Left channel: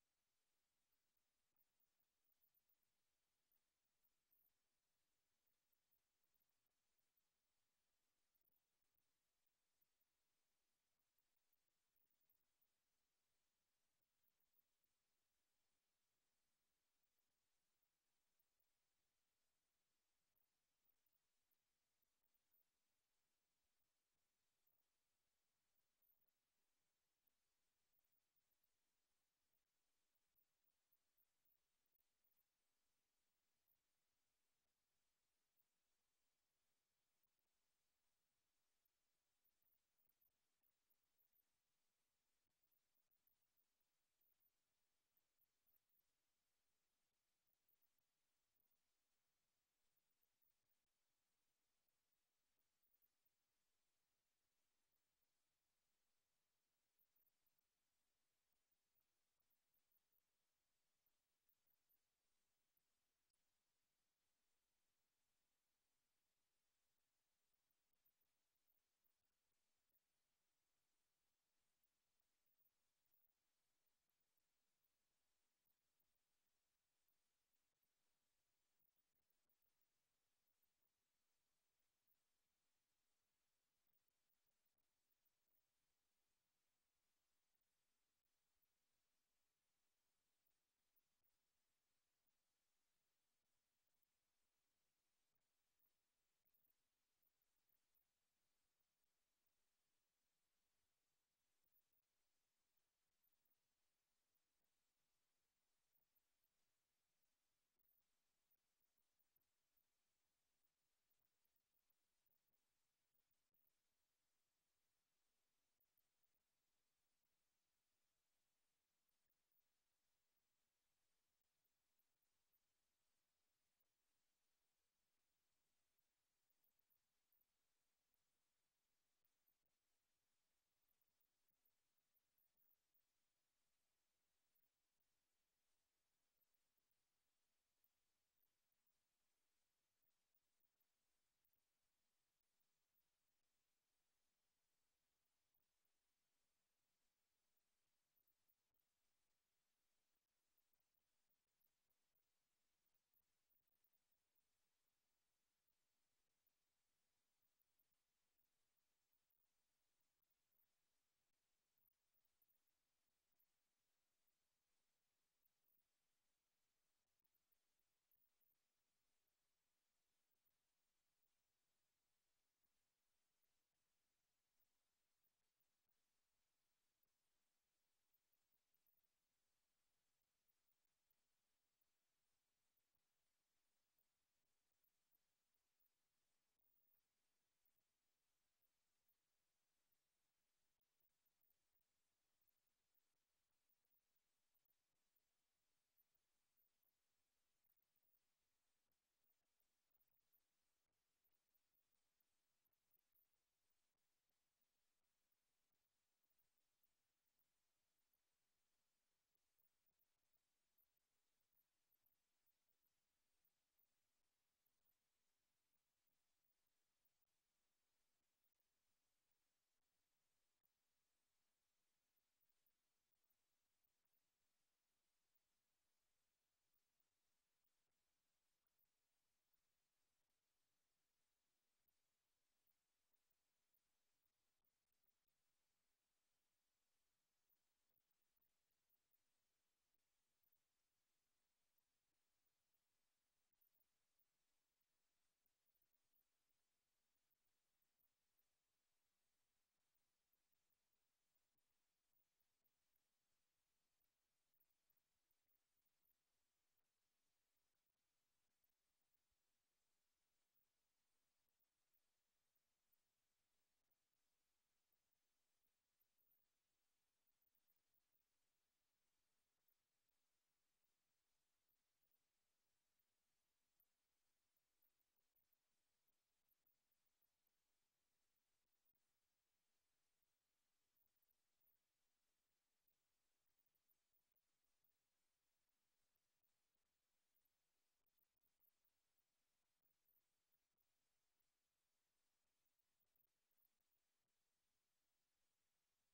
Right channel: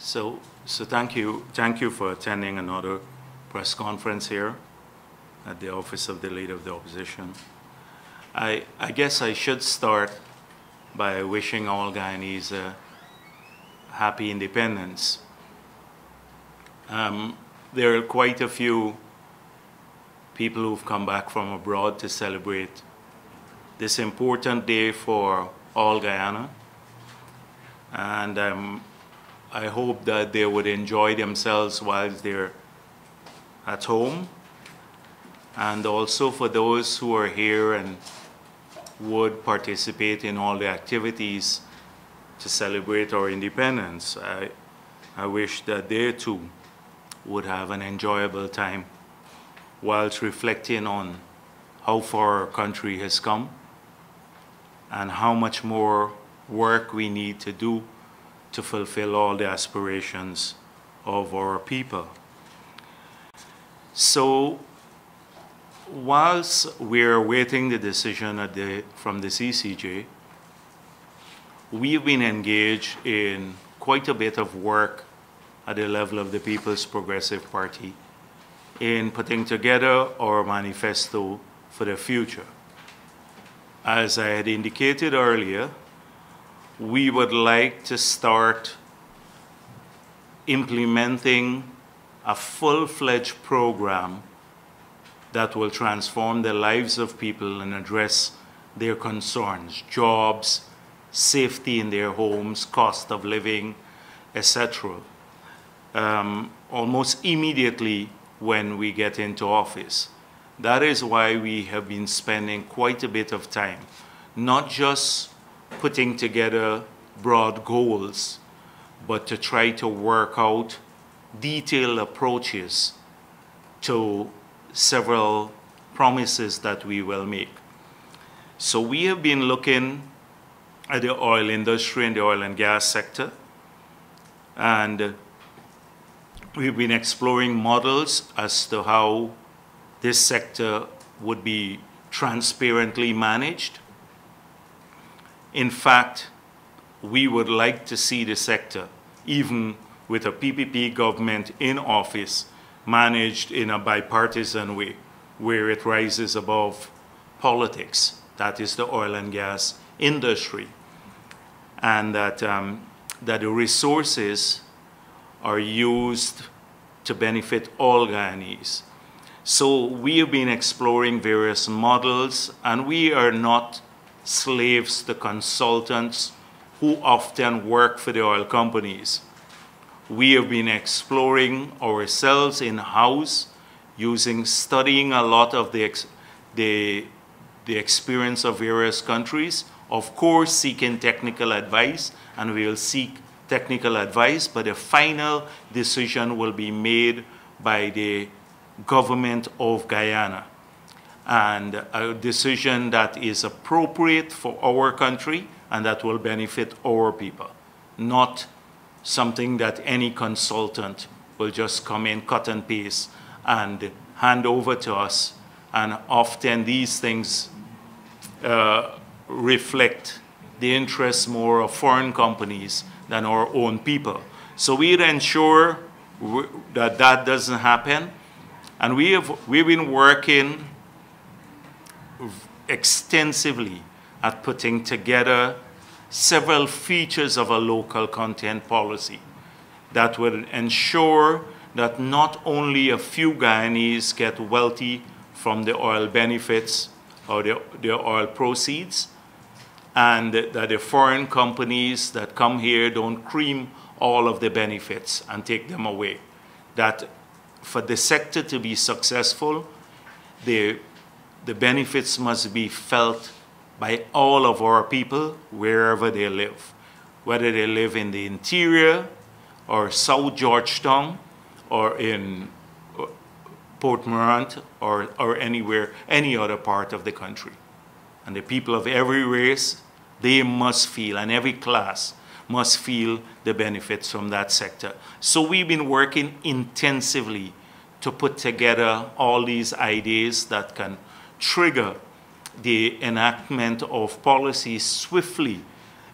So thank you for attending another press conference here at the Office of the Leader of the Opposition. I guess I should start by wishing all Guyanese a happy independence. There are quite a few people who've come back from abroad to celebrate this important day for all Guyana. And I hope that they would enjoy themselves while they're at home. And also for those who are here and would participate in all the activities to celebrate our independence, I wish that they too would have an enjoyable time whilst reflecting on how far our country has come and how much more work we need to do to fulfill all the aspirations of our people. So whilst we're awaiting the decision from the CCJ, we've been engaged in quite a bit of work at the level of the People's Progressive Party in putting together our manifesto for the future. As I had indicated earlier, we would like to start implementing a full-fledged program that will transform the lives of people and address their concerns, jobs, safety in their homes, cost of living, etc. Almost immediately when we get into office. That is why we have been spending quite a bit of time, not just putting together broad goals, but to try to work out detailed approaches to several promises that we will make. So we have been looking at the oil industry and the oil and gas sector, and we've been exploring models as to how this sector would be transparently managed. In fact, we would like to see the sector, even with a PPP government in office, managed in a bipartisan way, where it rises above politics. That is the oil and gas industry. And that the resources are used to benefit all Guyanese. So we have been exploring various models, and we are not slaves to consultants who often work for the oil companies. We have been exploring ourselves in-house, studying a lot of the experience of various countries, of course seeking technical advice, and we will seek technical advice, but the final decision will be made by the government of Guyana, and a decision that is appropriate for our country and that will benefit our people, not something that any consultant will just come in, cut and paste, and hand over to us. And often these things reflect the interests more of foreign companies than our own people. So we'd ensure that that doesn't happen. And we've been working extensively at putting together several features of a local content policy that will ensure that not only a few Guyanese get wealthy from the oil benefits or the oil proceeds, and that the foreign companies that come here don't cream all of the benefits and take them away. That for the sector to be successful, the benefits must be felt by all of our people wherever they live, whether they live in the interior or South Georgetown or in Port Morant or anywhere, any other part of the country. And the people of every race, they must feel, and every class must feel the benefits from that sector. So we've been working intensively to put together all these ideas that can trigger the enactment of policies swiftly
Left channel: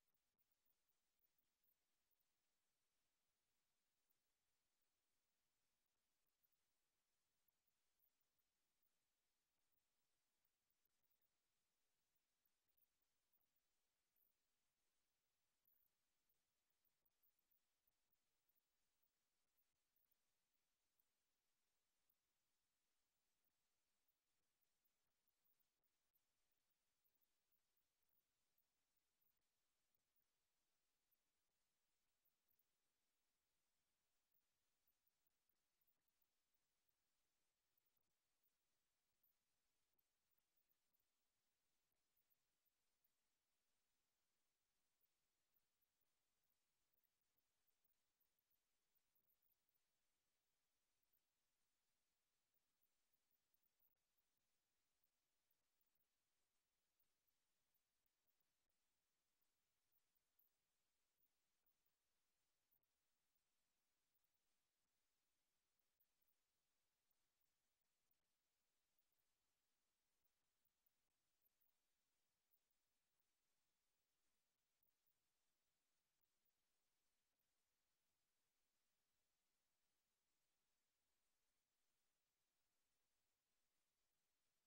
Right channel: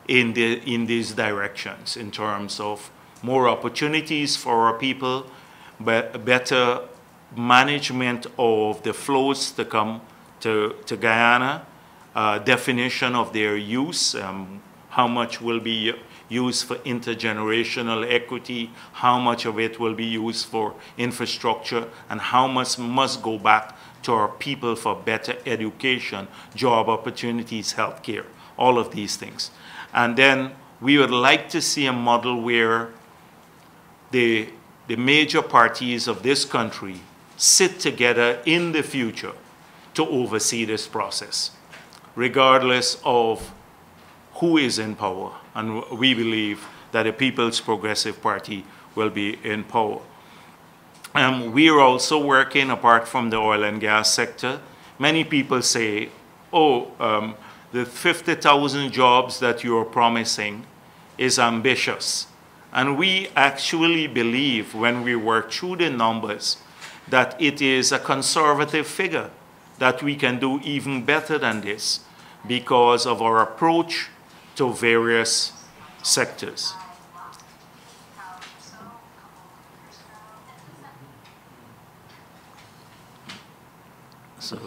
in these directions in terms of more opportunities for our people, but better management of the flows to come to Guyana, definition of their use, how much will be used for intergenerational equity, how much of it will be used for infrastructure, and how much must go back to our people for better education, job opportunities, healthcare, all of these things. And then we would like to see a model where the major parties of this country sit together in the future to oversee this process, regardless of who is in power. And we believe that the People's Progressive Party will be in power. We are also working, apart from the oil and gas sector. Many people say, oh, the 50,000 jobs that you are promising is ambitious. And we actually believe, when we work through the numbers, that it is a conservative figure, that we can do even better than this because of our approach to various sectors. So,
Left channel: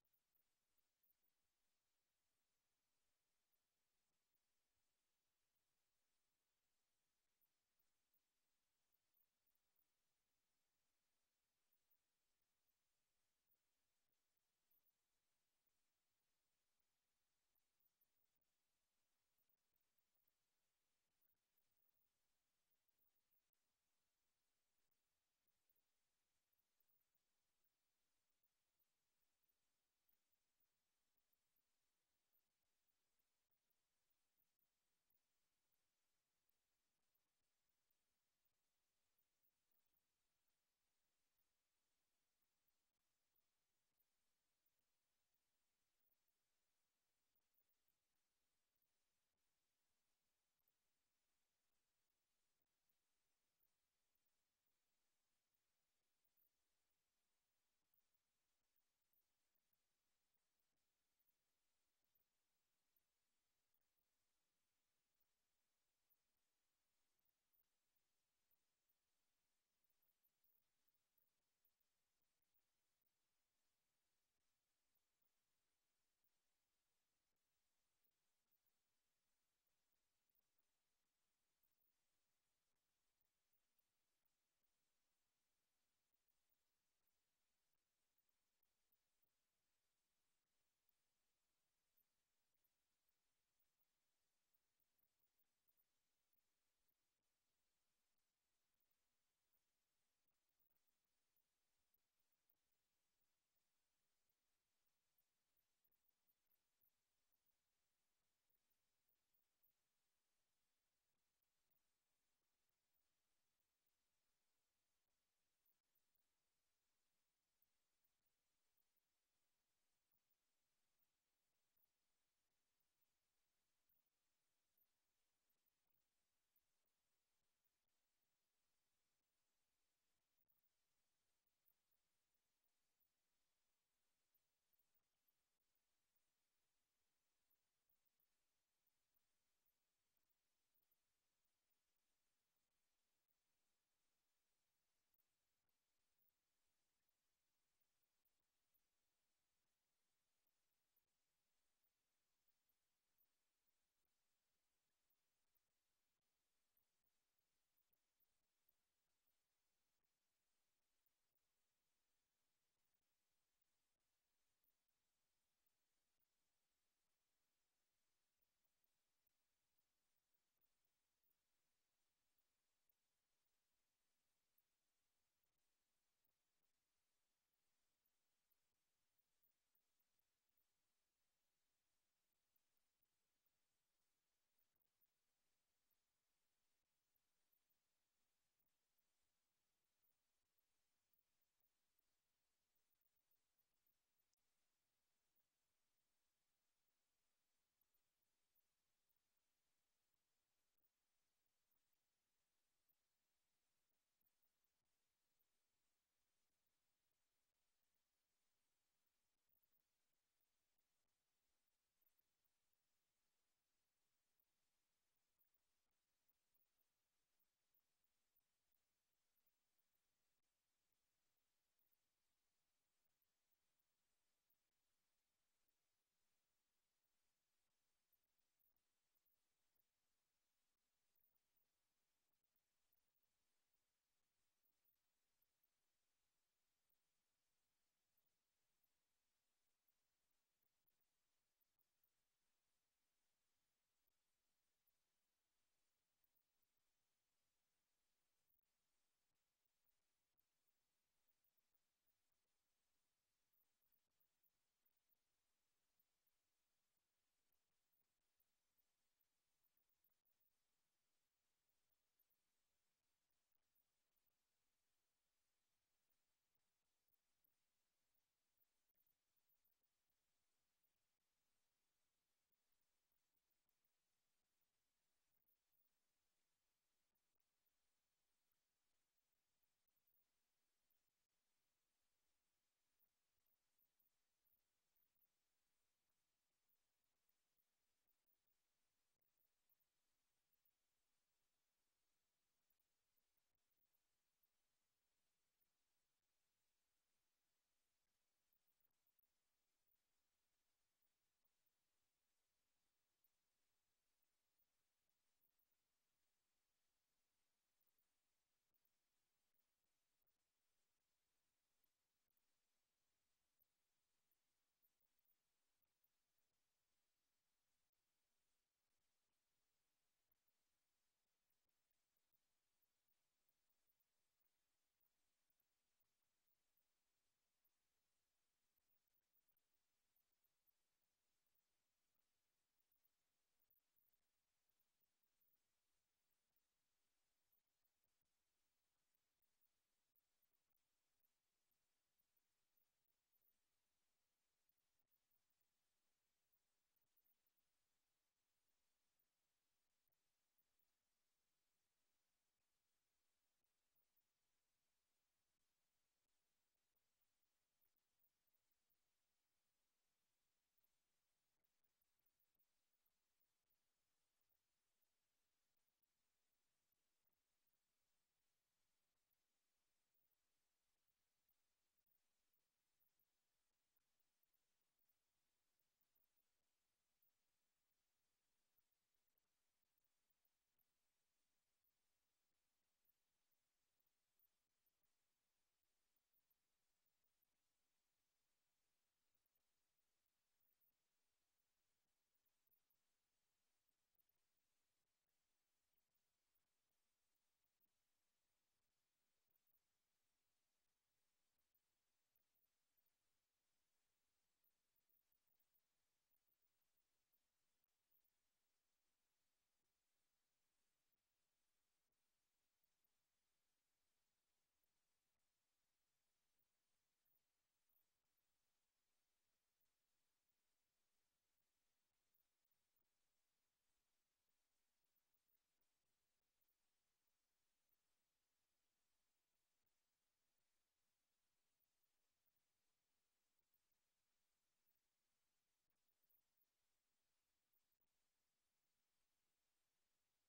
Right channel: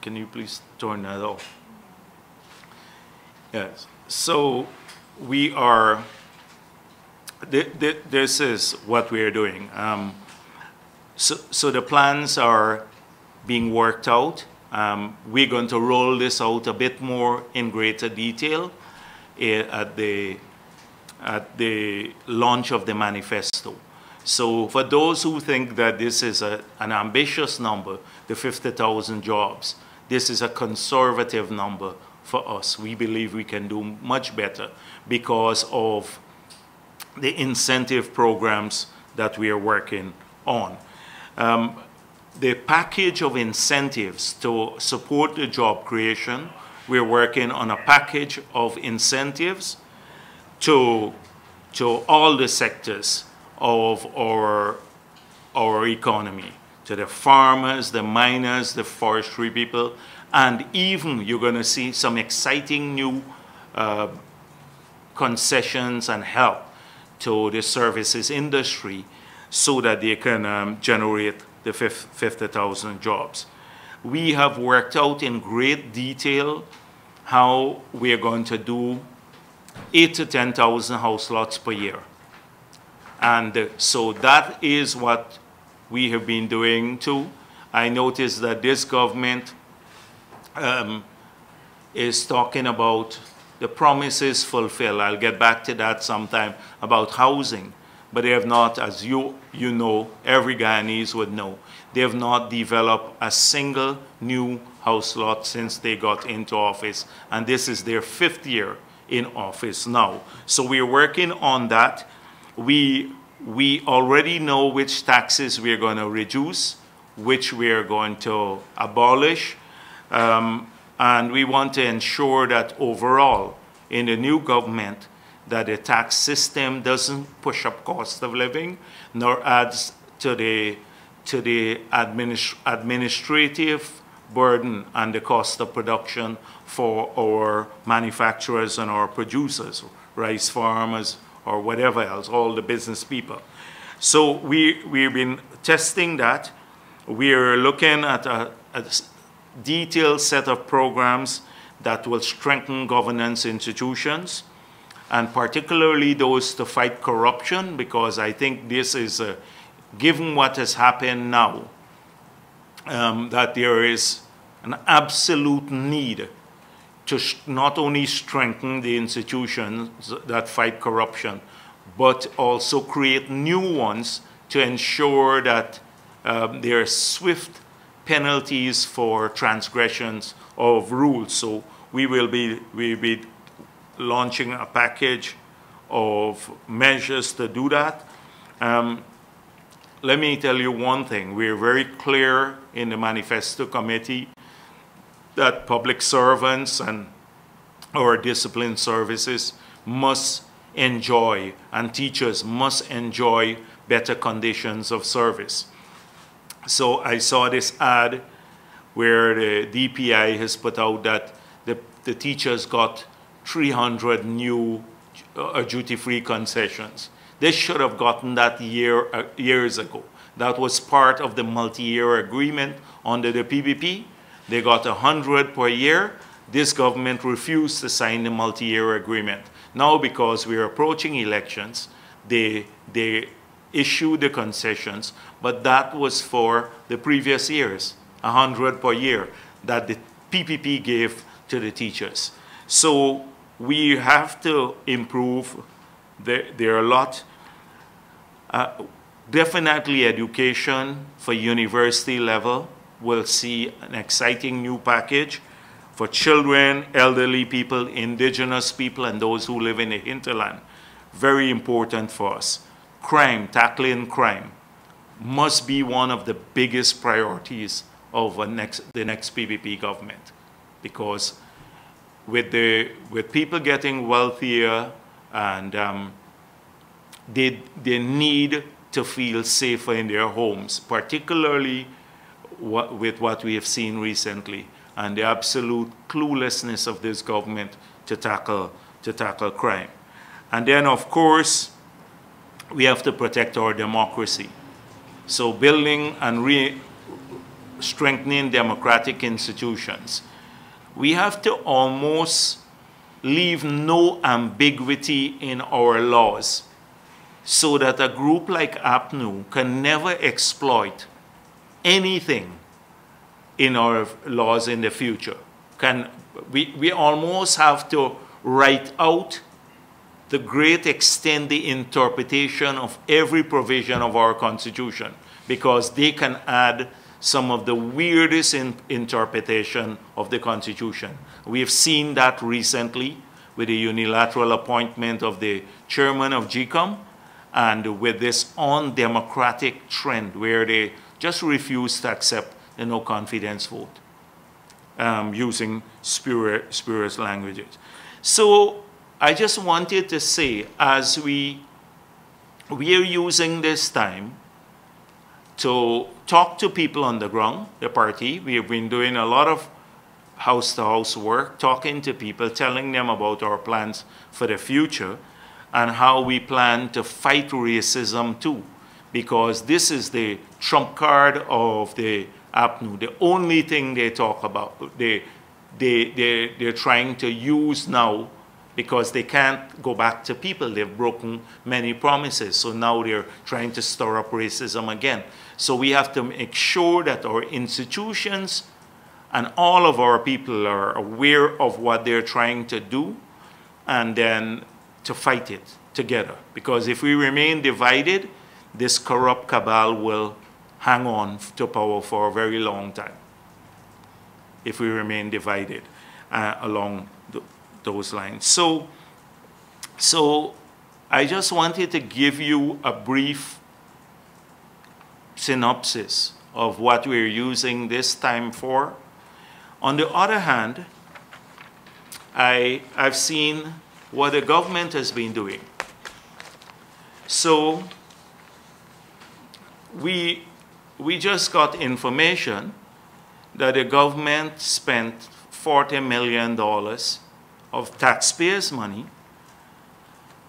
can you please turn that off? Yes. So we are, this is what we are doing. So the plans are being worked out. We're going to roll this out a bit more in greater detail at the launch of the manifesto. So for those who think that this is an ambitious number, the 50,000 jobs, this is a conservative number for us. We believe we can do much better because of the incentive programs that we are working on. The package of incentives to support the job creation, we're working on a package of incentives to all the sectors of our economy, to the farmers, the miners, the forestry people, and even you're going to see some exciting new concessions and help to the services industry so that they can generate the 50,000 jobs. We have worked out in great detail how we are going to do 8,000 to 10,000 house lots per year. And so that is what we have been doing too. I noticed that this government is talking about the promises fulfilled. I'll get back to that sometime about housing. But they have not, as you know, every Guyanese would know, they have not developed a single new house lot since they got into office. And this is their 5th year in office now. So we're working on that. We already know which taxes we're going to reduce, which we're going to abolish. And we want to ensure that overall, in the new government, that the tax system doesn't push up cost of living, nor adds to the administrative burden and the cost of production for our manufacturers and our producers, rice farmers, or whatever else, all the business people. So we've been testing that. We're looking at a detailed set of programs that will strengthen governance institutions, and particularly those to fight corruption, because I think this is, given what has happened now, that there is an absolute need to not only strengthen the institutions that fight corruption, but also create new ones to ensure that there are swift penalties for transgressions of rules. So we'll be launching a package of measures to do that. Let me tell you one thing. We're very clear in the manifesto committee that public servants and our discipline services must enjoy, and teachers must enjoy, better conditions of service. So I saw this ad where the DPI has put out that the teachers got 300 new duty-free concessions. They should have gotten that years ago. That was part of the multi-year agreement under the PPP. They got 100 per year. This government refused to sign the multi-year agreement. Now, because we're approaching elections, they issue the concessions, but that was for the previous years, 100 per year that the PPP gave to the teachers. So we have to improve. There are a lot. Definitely education for university level. We'll see an exciting new package for children, elderly people, indigenous people, and those who live in the hinterland. Very important for us. Crime, tackling crime, must be one of the biggest priorities of the next PPP government, because with people getting wealthier and they need to feel safer in their homes, particularly with what we have seen recently and the absolute cluelessness of this government to tackle crime. And then, of course, we have to protect our democracy. So building and strengthening democratic institutions. We have to almost leave no ambiguity in our laws so that a group like APNU can never exploit anything in our laws in the future. We almost have to write out the great extent the interpretation of every provision of our Constitution, because they can add some of the weirdest interpretation of the Constitution. We have seen that recently with the unilateral appointment of the chairman of GCOM, and with this undemocratic trend where they just refuse to accept the no confidence vote using spurious languages. So I just wanted to say, as we are using this time to talk to people on the ground, the party. We have been doing a lot of house-to-house work, talking to people, telling them about our plans for the future and how we plan to fight racism too, because this is the trump card of the APNU, the only thing they talk about, they're trying to use now, because they can't go back to people. They've broken many promises. So now they're trying to stir up racism again. So we have to make sure that our institutions and all of our people are aware of what they're trying to do, and then to fight it together. Because if we remain divided, this corrupt cabal will hang on to power for a very long time if we remain divided along those lines. So I just wanted to give you a brief synopsis of what we're using this time for. On the other hand, I've seen what the government has been doing. So we just got information that the government spent $40 million of taxpayers' money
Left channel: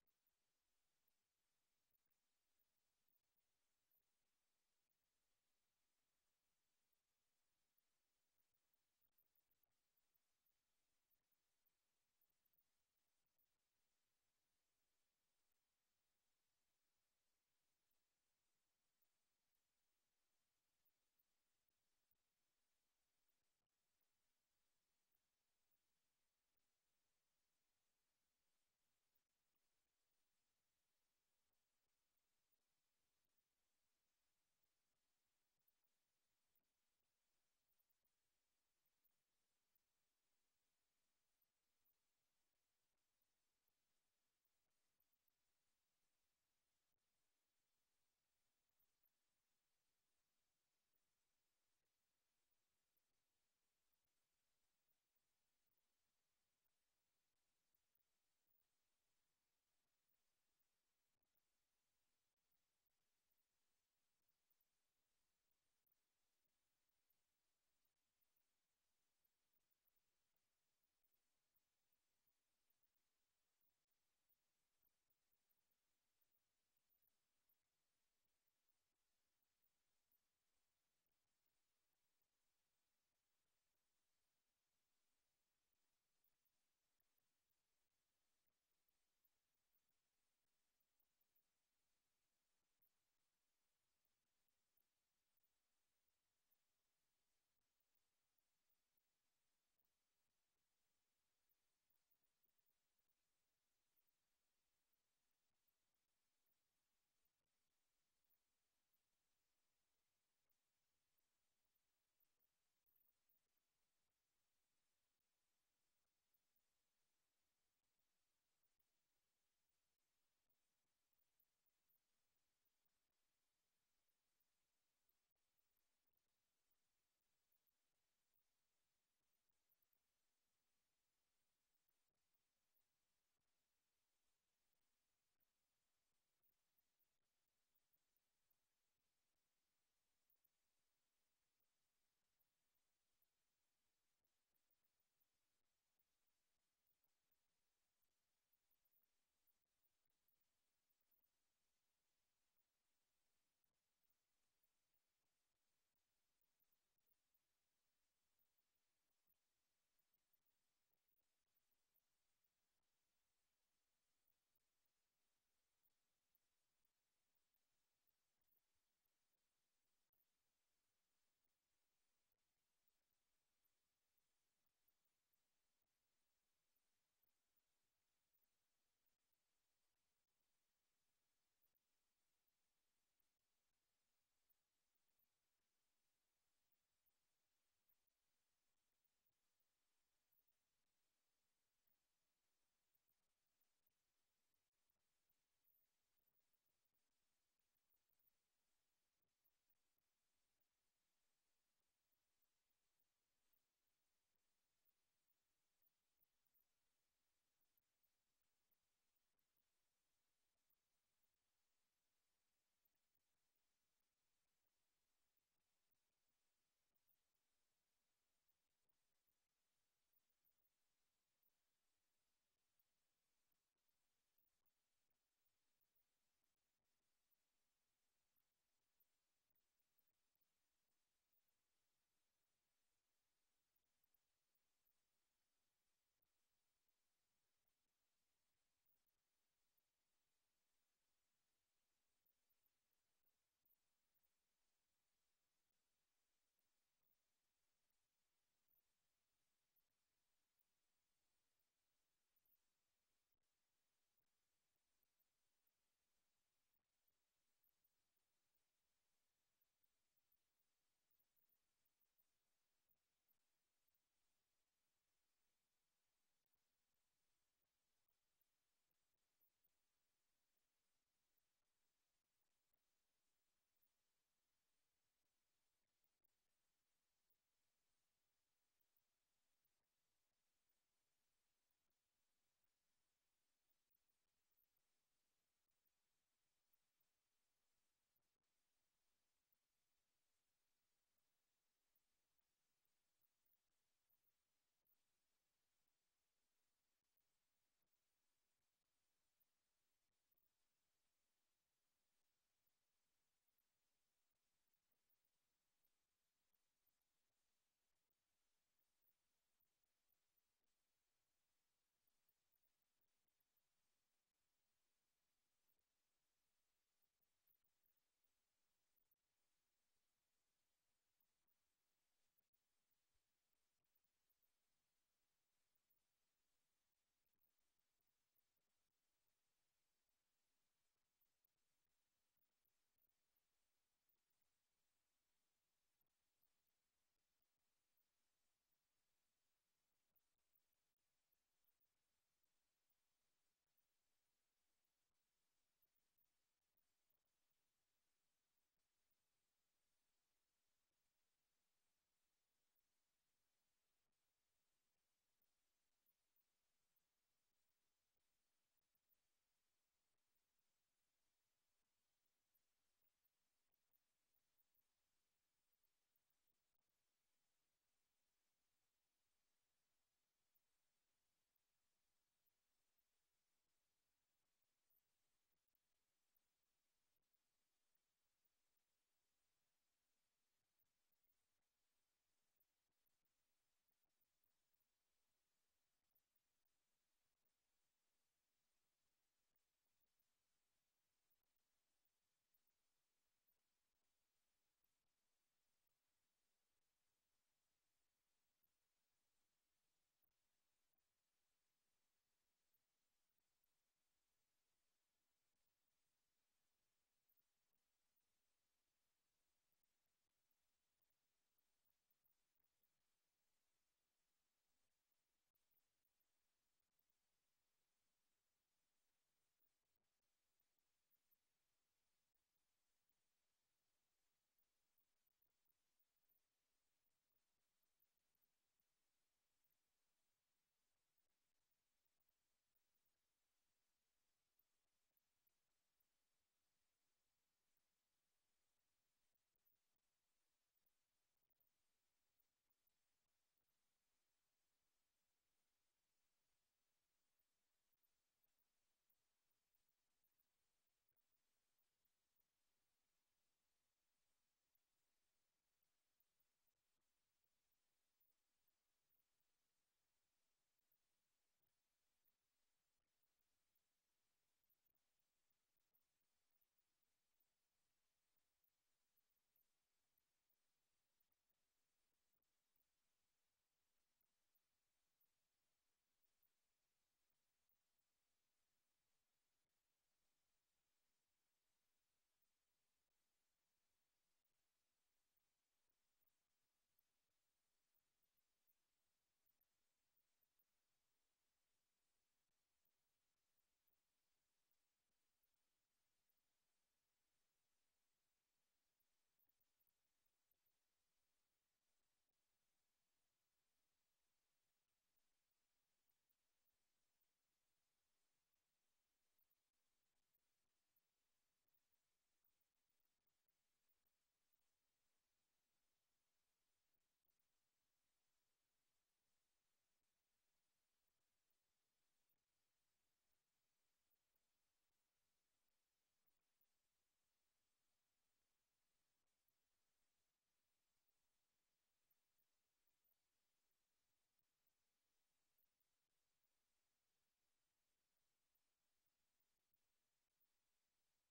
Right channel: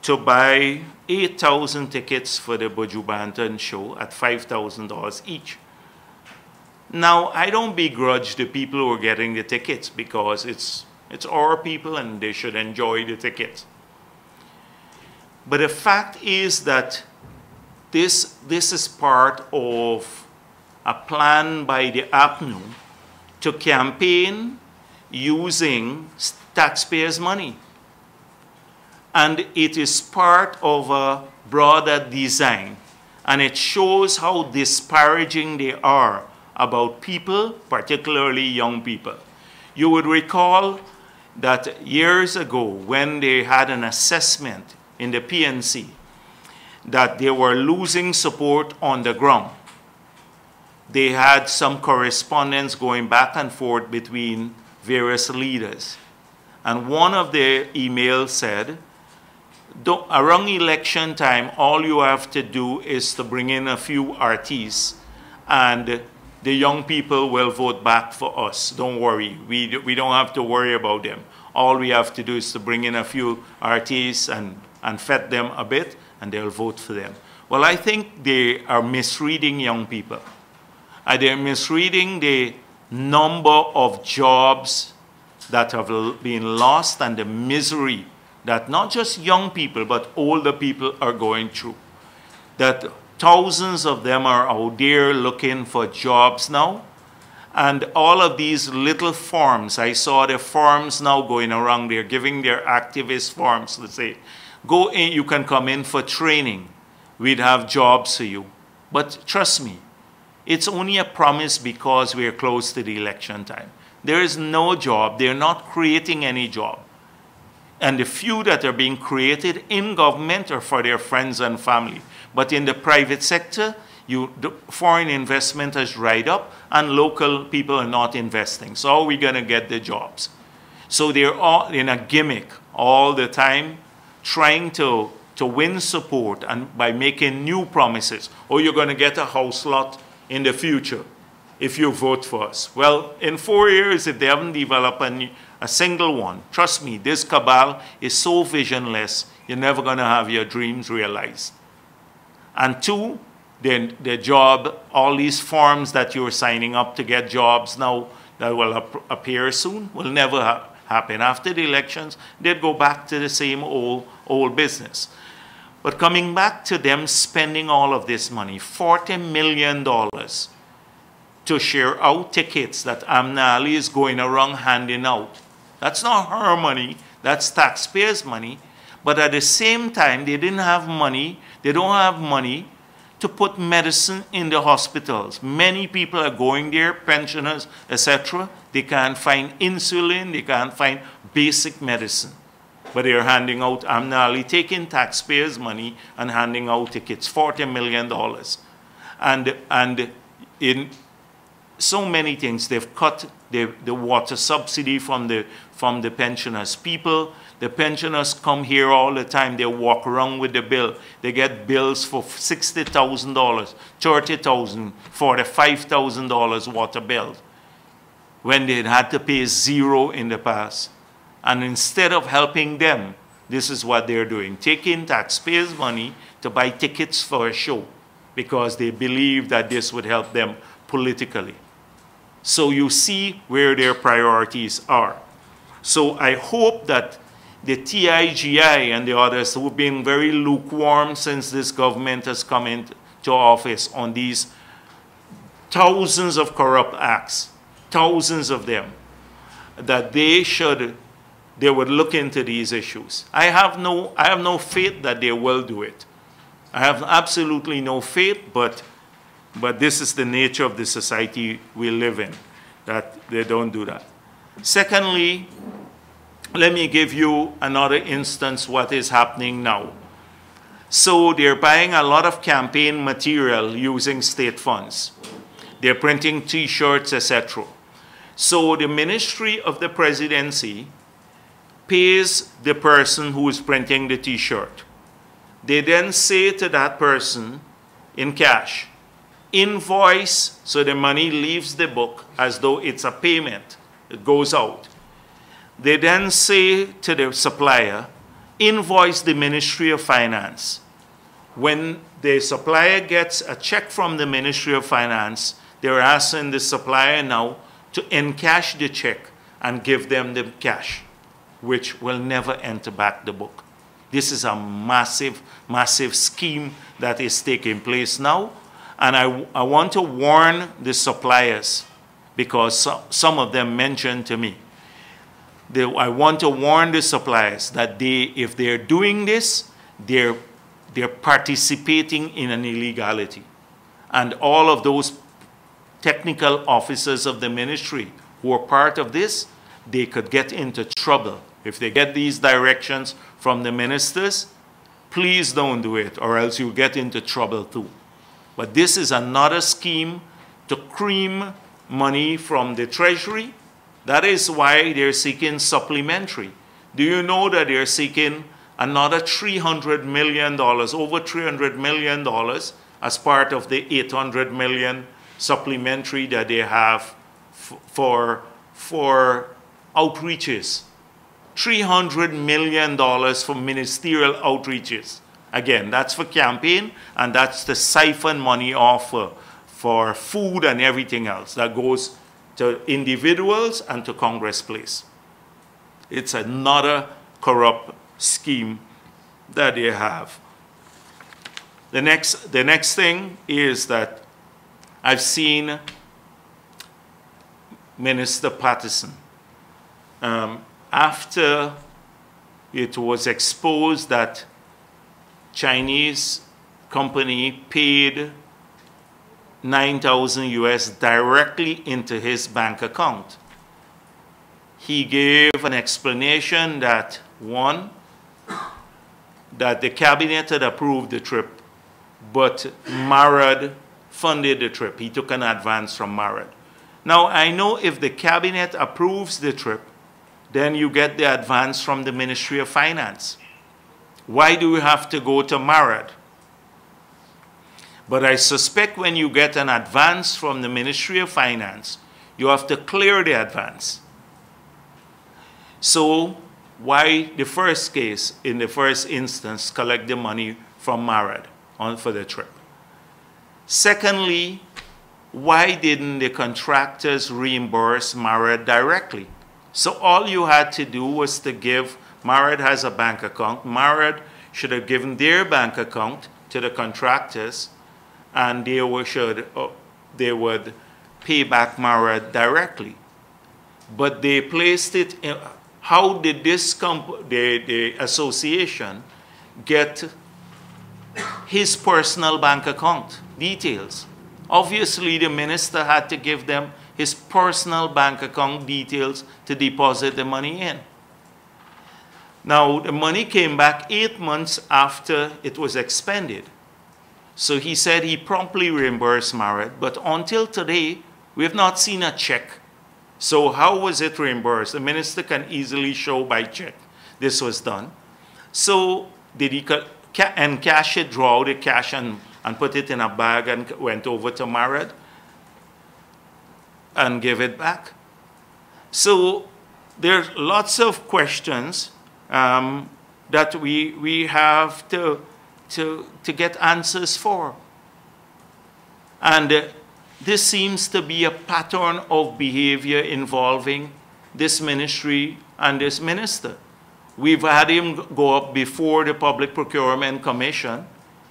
to buy 8,000 tickets for the Buju Banton show at $5,000 each. Now, I don't begrudge the people who are getting the tickets, because it's our people and they should enjoy the tickets. But the fact is that this is part of a plan by the APNU to campaign using taxpayers' money. And it is part of a broader design. And it shows how disparaging they are about people, particularly young people. You would recall that years ago, when they had an assessment in the PNC, that they were losing support on the ground. They had some correspondence going back and forth between various leaders. And one of the emails said, around election time, all you have to do is to bring in a few artists, and the young people will vote back for us. Don't worry. We don't have to worry about them. All we have to do is to bring in a few artists and fed them a bit, and they'll vote for them. Well, I think they are misreading young people. They're misreading the number of jobs that have been lost and the misery that not just young people, but older people are going through. That thousands of them are out there looking for jobs now. And all of these little forms, I saw the forms now going around, they're giving their activist forms to say, go in, you can come in for training. We'd have jobs for you. But trust me, it's only a promise because we're close to the election time. There is no job. They're not creating any job. And the few that are being created in government are for their friends and family. But in the private sector, the foreign investment has dried up and local people are not investing. So how are we going to get the jobs? So they're all in a gimmick all the time, trying to win support and by making new promises. Oh, you're going to get a house lot in the future if you vote for us. Well, in 4 years, if they haven't developed a single one, trust me, this cabal is so visionless, you're never going to have your dreams realized. And two, the job, all these forms that you're signing up to get jobs now that will appear soon will never happen. After the elections, they'd go back to the same old business. But coming back to them spending all of this money, $40 million to share out tickets that Amna Ali is going around handing out. That's not her money, that's taxpayers' money. But at the same time, they didn't have money, they don't have money to put medicine in the hospitals. Many people are going there, pensioners, etc. They can't find insulin, they can't find basic medicine. But they're handing out, Amna Ali taking taxpayers' money and handing out tickets, $40 million. And in so many things, they've cut the water subsidy from the pensioners. The pensioners come here all the time. They walk around with the bill. They get bills for $60,000, $30,000, $45,000 water bills when they had to pay zero in the past. And instead of helping them, this is what they're doing, taking taxpayers' money to buy tickets for a show because they believe that this would help them politically. So you see where their priorities are. So I hope that the TIGI and the others who have been very lukewarm since this government has come into office on these thousands of corrupt acts, thousands of them, that they would look into these issues. I have no faith that they will do it. I have absolutely no faith, but this is the nature of the society we live in, that they don't do that. Secondly, let me give you another instance what is happening now. So they're buying a lot of campaign material using state funds. They're printing T-shirts, etc. So the Ministry of the Presidency pays the person who is printing the T-shirt. They then say to that person in cash, invoice, so the money leaves the book as though it's a payment. It goes out. They then say to the supplier, invoice the Ministry of Finance. When the supplier gets a check from the Ministry of Finance, they're asking the supplier now to encash the check and give them the cash, which will never enter back the book. This is a massive, massive scheme that is taking place now. And I want to warn the suppliers because some of them mentioned to me. I want to warn the suppliers that if they're doing this, they're participating in an illegality. And all of those technical officers of the ministry who are part of this, they could get into trouble. If they get these directions from the ministers, please don't do it, or else you'll get into trouble too. But this is another scheme to cream money from the Treasury. That is why they're seeking supplementary. Do you know that they're seeking another $300 million, over $300 million, as part of the $800 million supplementary that they have for outreaches? $300 million for ministerial outreaches. Again, that's for campaign, and that's to siphon money off for food and everything else that goes to individuals and to Congress Place. It's another corrupt scheme that they have. The next thing is that I've seen Minister Patterson, after it was exposed that Chinese company paid 9,000 US directly into his bank account. He gave an explanation that, one, that the cabinet had approved the trip, but Bharrat funded the trip. He took an advance from Bharrat. Now, I know if the cabinet approves the trip, then you get the advance from the Ministry of Finance. Why do you have to go to Bharrat? But I suspect when you get an advance from the Ministry of Finance, you have to clear the advance. So why the first case, in the first instance, collect the money from Bharrat for the trip? Secondly, why didn't the contractors reimburse Bharrat directly? So all you had to do was to give, Bharrat has a bank account, Bharrat should have given their bank account to the contractors, and they would pay back Bharrat directly. But they placed it in, how did this the association get his personal bank account details? Obviously, the minister had to give them his personal bank account details to deposit the money in. Now, the money came back 8 months after it was expended. So he said he promptly reimbursed Bharrat, but until today, we have not seen a check. So how was it reimbursed? The minister can easily show by check this was done. So did he encash it, draw the cash and put it in a bag and went over to Bharrat and give it back? So there's lots of questions that we have to get answers for. And this seems to be a pattern of behavior involving this ministry and this minister. We've had him go up before the Public Procurement Commission,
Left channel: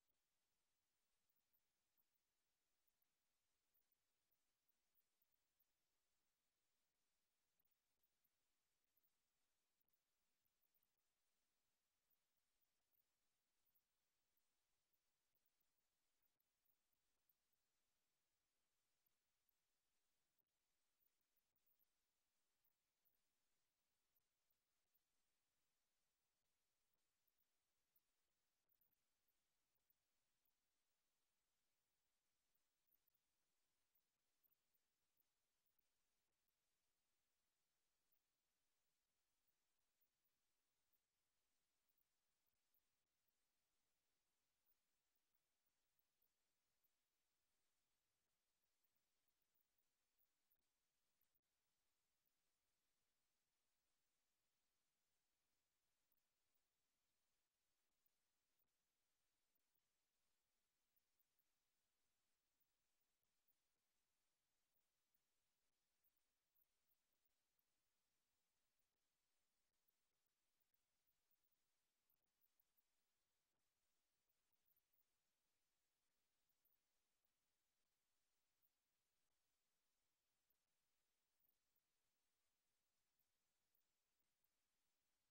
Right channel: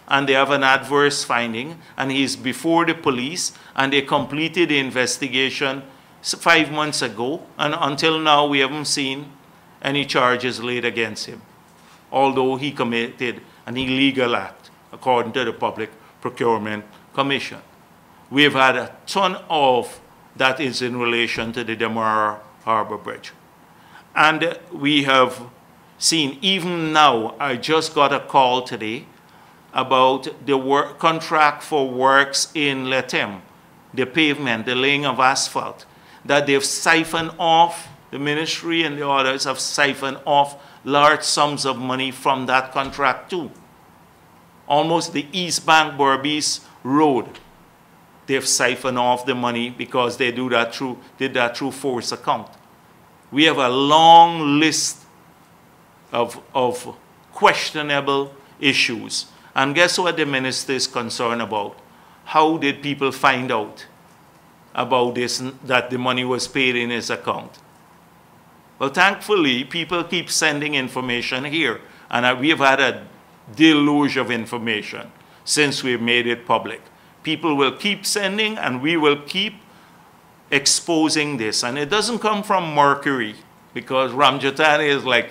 and they have an adverse finding, and he's before the police, and they completed the investigation 5 months ago, and until now we haven't seen any charges laid against him, although he committed an illegal act, according to the Public Procurement Commission. We've had a ton of that is in relation to the Demerara Harbor Bridge. And we have seen, even now, I just got a call today about the contract for works in Letem, the pavement, the laying of asphalt, that they've siphoned off, the ministry and the others have siphoned off large sums of money from that contract too. Almost the East Bank Berbice Road, they've siphoned off the money because they did that through force account. We have a long list of questionable issues. And guess what the minister is concerned about? How did people find out about this, that the money was paid in his account? Well, thankfully, people keep sending information here. And we've had a deluge of information since we've made it public. People will keep sending, and we will keep exposing this. And it doesn't come from Mercury, because Ramjatani is like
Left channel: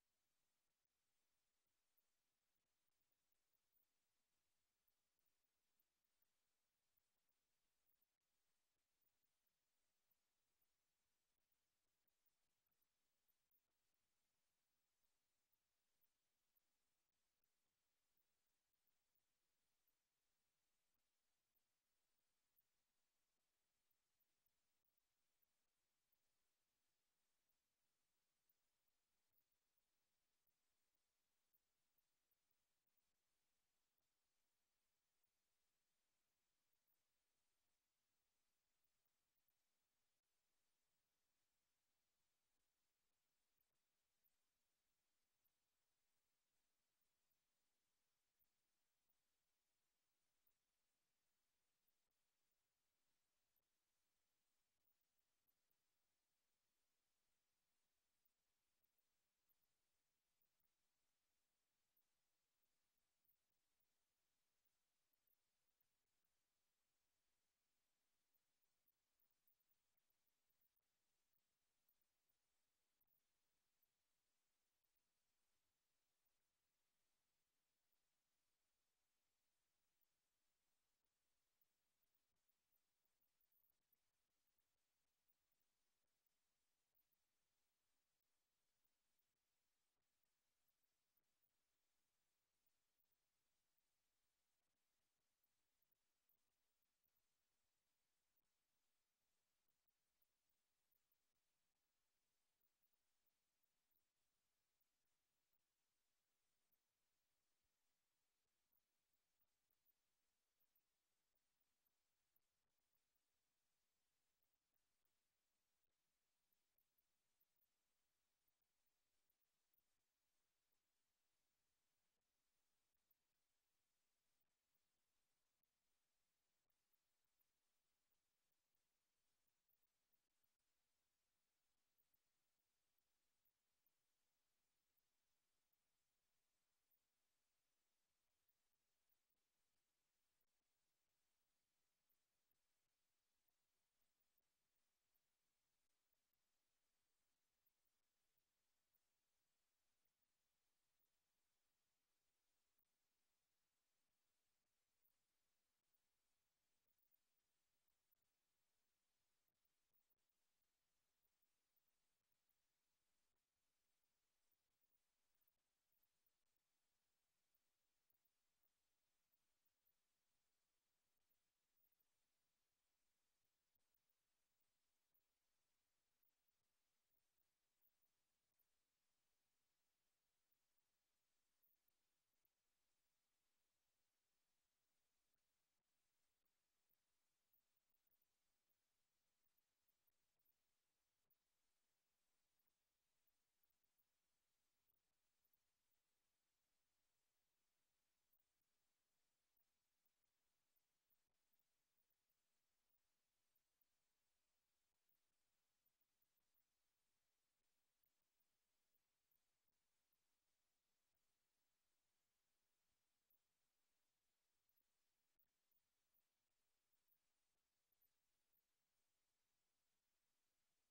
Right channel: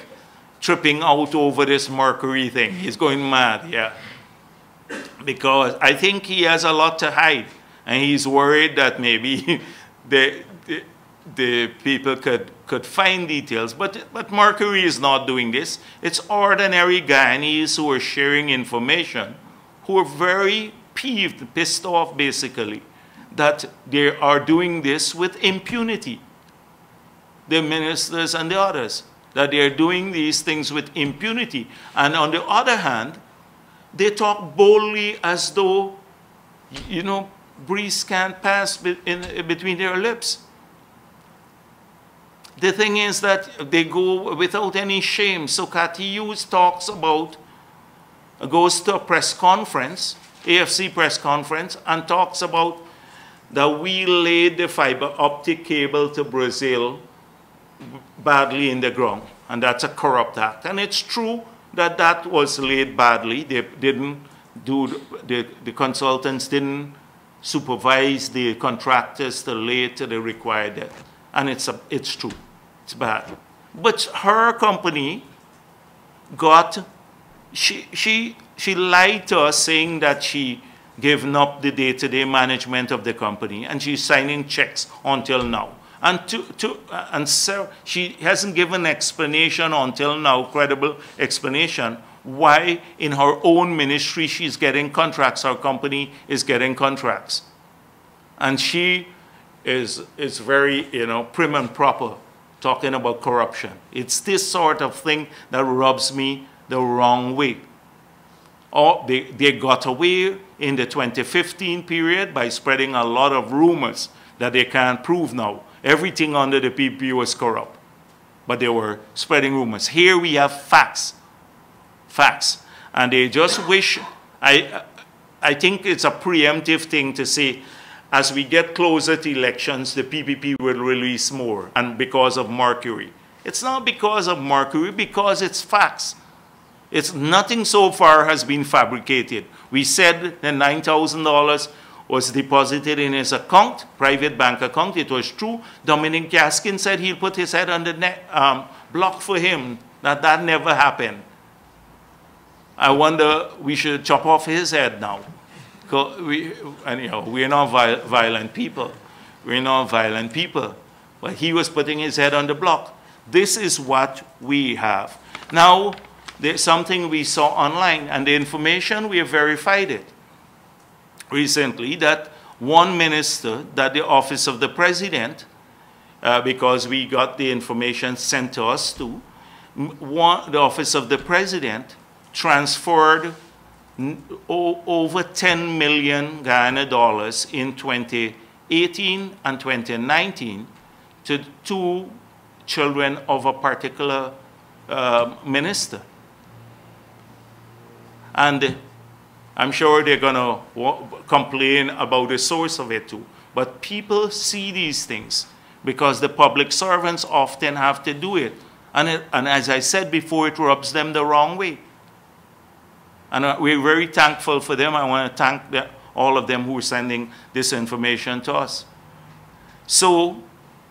tripping out over this Mercury thing. He's going mad, yeah. Because I think he has a lot to hide, and he's worried that maybe the people could find details. But Mercury is not doing this. It's ordinary Guyanese who are sharing information, who are very peeved, pissed off, basically, that they are doing this with impunity. The ministers and the others, that they are doing these things with impunity. And on the other hand, they talk boldly as though, you know, breeze can't pass between their lips. The thing is that they go without any shame. So Cathy talks about goes to a press conference, AFC press conference, and talks about that we laid the fiber optic cable to Brazil badly in the ground, and that's a corrupt act. And it's true that that was laid badly. They didn't do, the consultants didn't supervise the contractors to lay it to the required depth. And it's true, it's bad. But her company got, she lied to us saying that she given up the day-to-day management of the company, and she's signing checks until now. And so she hasn't given explanation until now, credible explanation, why in her own ministry she's getting contracts, her company is getting contracts. And she is very, prim and proper, talking about corruption. It's this sort of thing that rubs me the wrong way. Or they got away in the 2015 period by spreading a lot of rumors that they can't prove now. Everything under the PPP was corrupt, but they were spreading rumors. Here we have facts, and they just wish, I think it's a preemptive thing to say, as we get closer to elections, the PPP will release more, and because of Mercury. It's not because of Mercury, because it's facts. It's nothing so far has been fabricated. We said the $9,000 was deposited in his account, private bank account. It was true. Dominic Gaskin said he'll put his head on the block for him. That never happened. I wonder, we should chop off his head now. Anyhow, we're not violent people. We're not violent people. But he was putting his head on the block. This is what we have. Now, there's something we saw online, and the information, we have verified it recently, that one minister, that the office of the president, because we got the information sent to us too, the office of the president transferred over 10 million Guyana dollars in 2018 and 2019 to two children of a particular minister. And I'm sure they're going to complain about the source of it too. But people see these things because the public servants often have to do it. And as I said before, it rubs them the wrong way. And we're very thankful for them. I want to thank all of them who are sending this information to us. So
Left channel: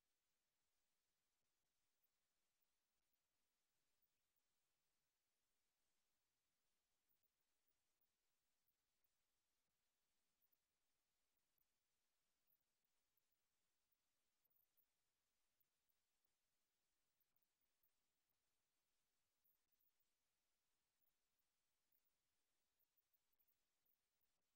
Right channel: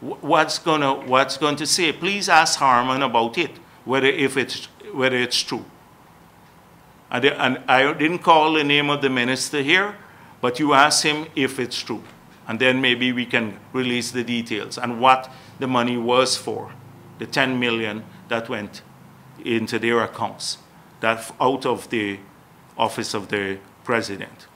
what's going to say? Please ask Harman about it, whether it's true. And I didn't call the name of the minister here, but you ask him if it's true. And then maybe we can release the details and what the money was for, the 10 million that went into their accounts, that out of the office of the president.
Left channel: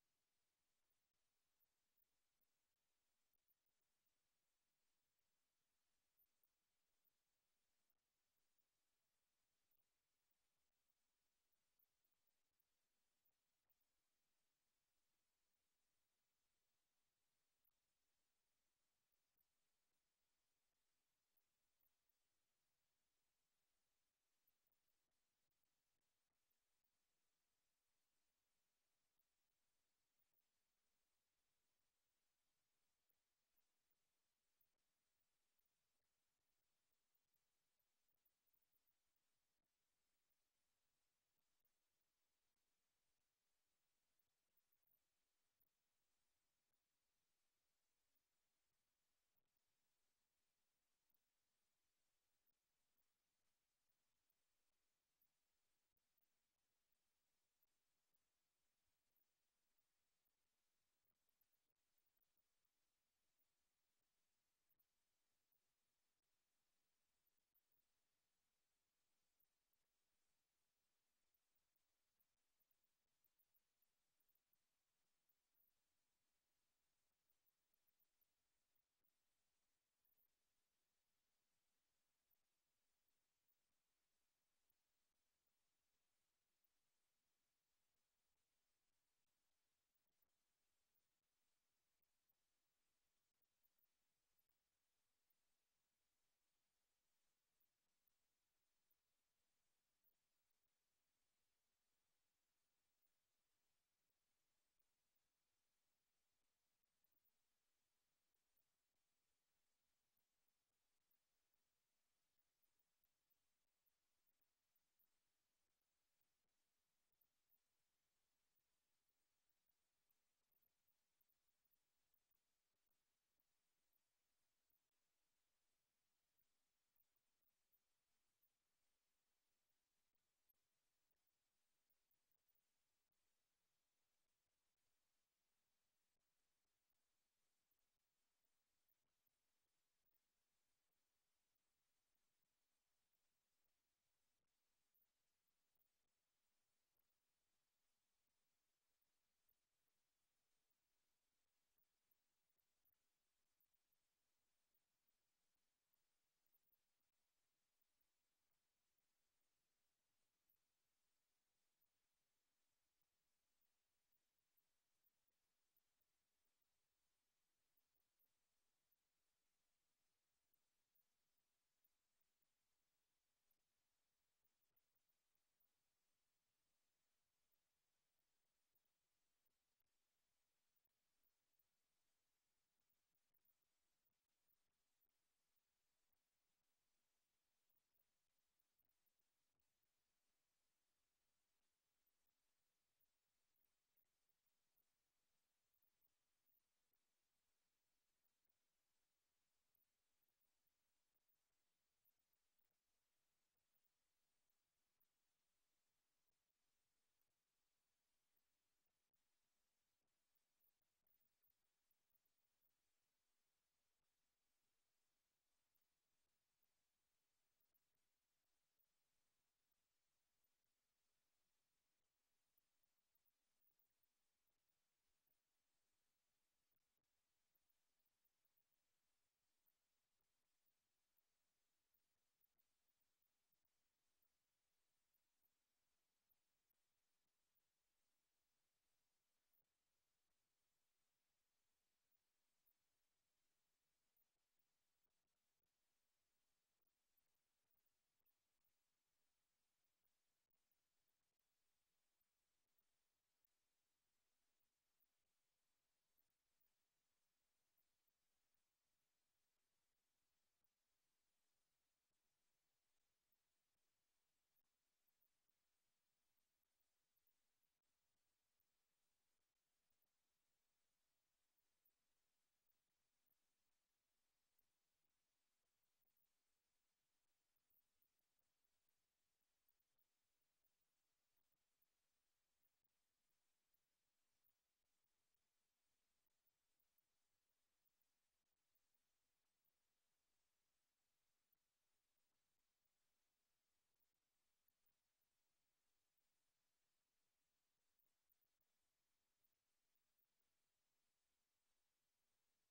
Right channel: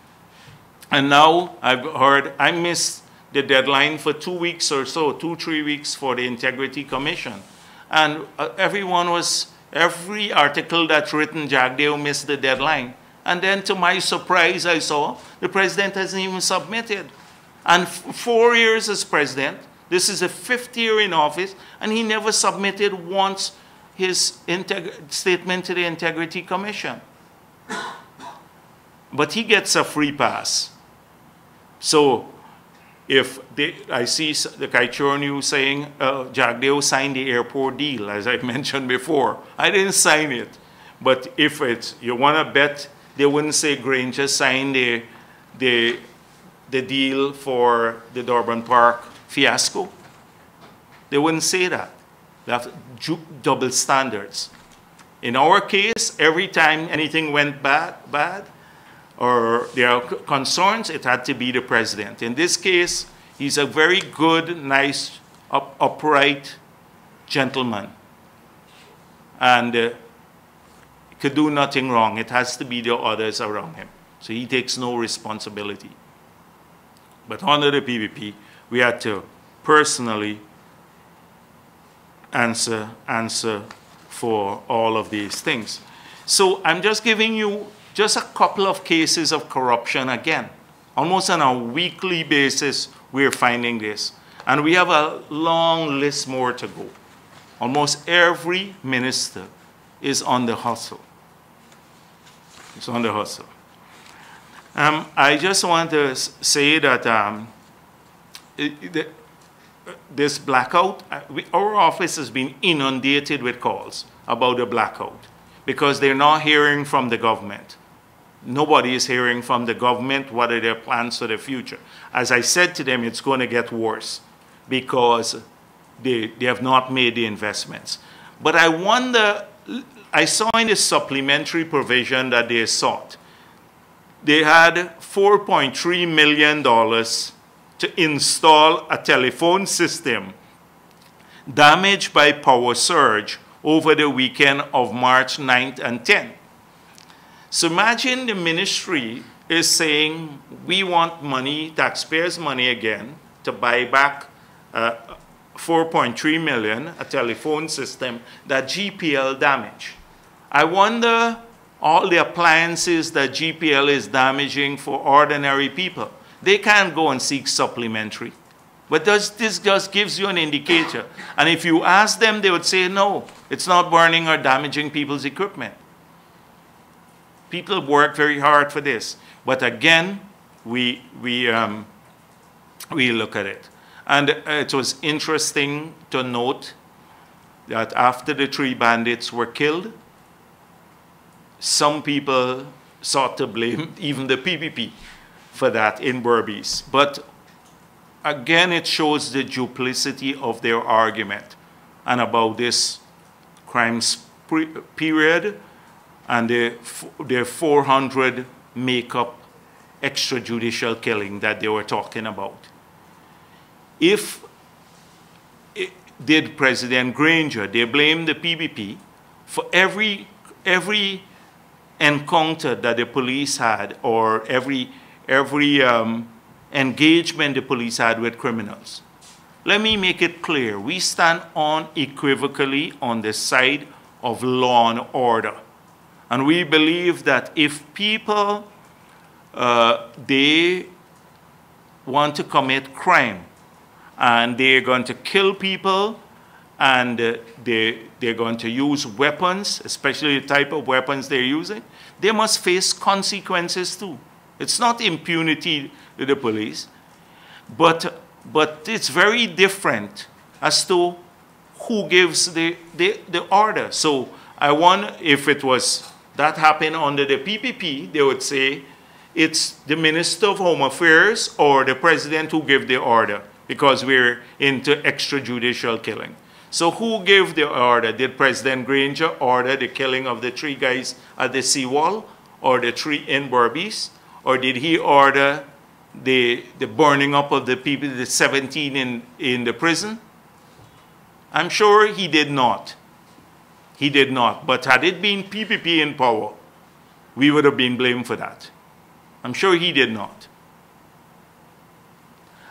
And now I've heard, I missed the deadline for 2 weeks or so, 2-3 weeks for the Integrity Commission. And every article that's written, Jagdeo missed the deadline. And then to my surprise, I saw the president hasn't even submitted. And 4 years as president, this is the 5th year in office, and he never submitted once his statement to the Integrity Commission. But he gets a free pass. So if I see the Kaichur News saying Jagdeo signed the airport deal, as I mentioned before. I didn't sign it. But if you want to bet, they wouldn't say Granger signed the deal for the Durban Park fiasco. They wouldn't say that. They have double standards. In our case, every time anything went bad, or there are concerns, it had to be the president. In this case, he's a very good, nice, upright gentleman. And could do nothing wrong. It has to be the others around him. So he takes no responsibility. But under the PPP, we had to personally answer for all of these things. So I'm just giving you just a couple of cases of corruption again. Almost on a weekly basis, we're finding this. And we have a long list more to go. Almost every minister is on the hustle. It's on the hustle. I just want to say that this blackout, our office has been inundated with calls about the blackout because they're not hearing from the government. Nobody is hearing from the government what are their plans for the future. As I said to them, it's going to get worse because they have not made the investments. But I wonder, I saw in the supplementary provision that they sought, they had $4.3 million to install a telephone system damaged by power surge over the weekend of March 9th and 10th. So imagine the ministry is saying, we want money, taxpayers' money again, to buy back 4.3 million, a telephone system that GPL damaged. I wonder all the appliances that GPL is damaging for ordinary people. They can't go and seek supplementary. But this just gives you an indicator. And if you ask them, they would say, no, it's not burning or damaging people's equipment. People work very hard for this. But again, we look at it. And it was interesting to note that after the 3 bandits were killed, some people sought to blame even the PPP for that in Berbice. But again, it shows the duplicity of their argument and about this crimes period and their 400 makeup extrajudicial killing that they were talking about. Did President Granger, they blamed the PPP for every encounter that the police had or every engagement the police had with criminals. Let me make it clear. We stand unequivocally on the side of law and order. And we believe that if people, they want to commit crime and they're going to kill people and they're going to use weapons, especially the type of weapons they're using, they must face consequences too. It's not impunity to the police, but it's very different as to who gives the order. So I wonder if it was that happened under the PPP, they would say it's the Minister of Home Affairs or the President who gave the order because we're into extrajudicial killing. So who gave the order? Did President Granger order the killing of the 3 guys at the seawall or the 3 in Berbice? Or did he order the burning up of the people, the 17 in the prison? I'm sure he did not. He did not. But had it been PPP in power, we would have been blamed for that. I'm sure he did not.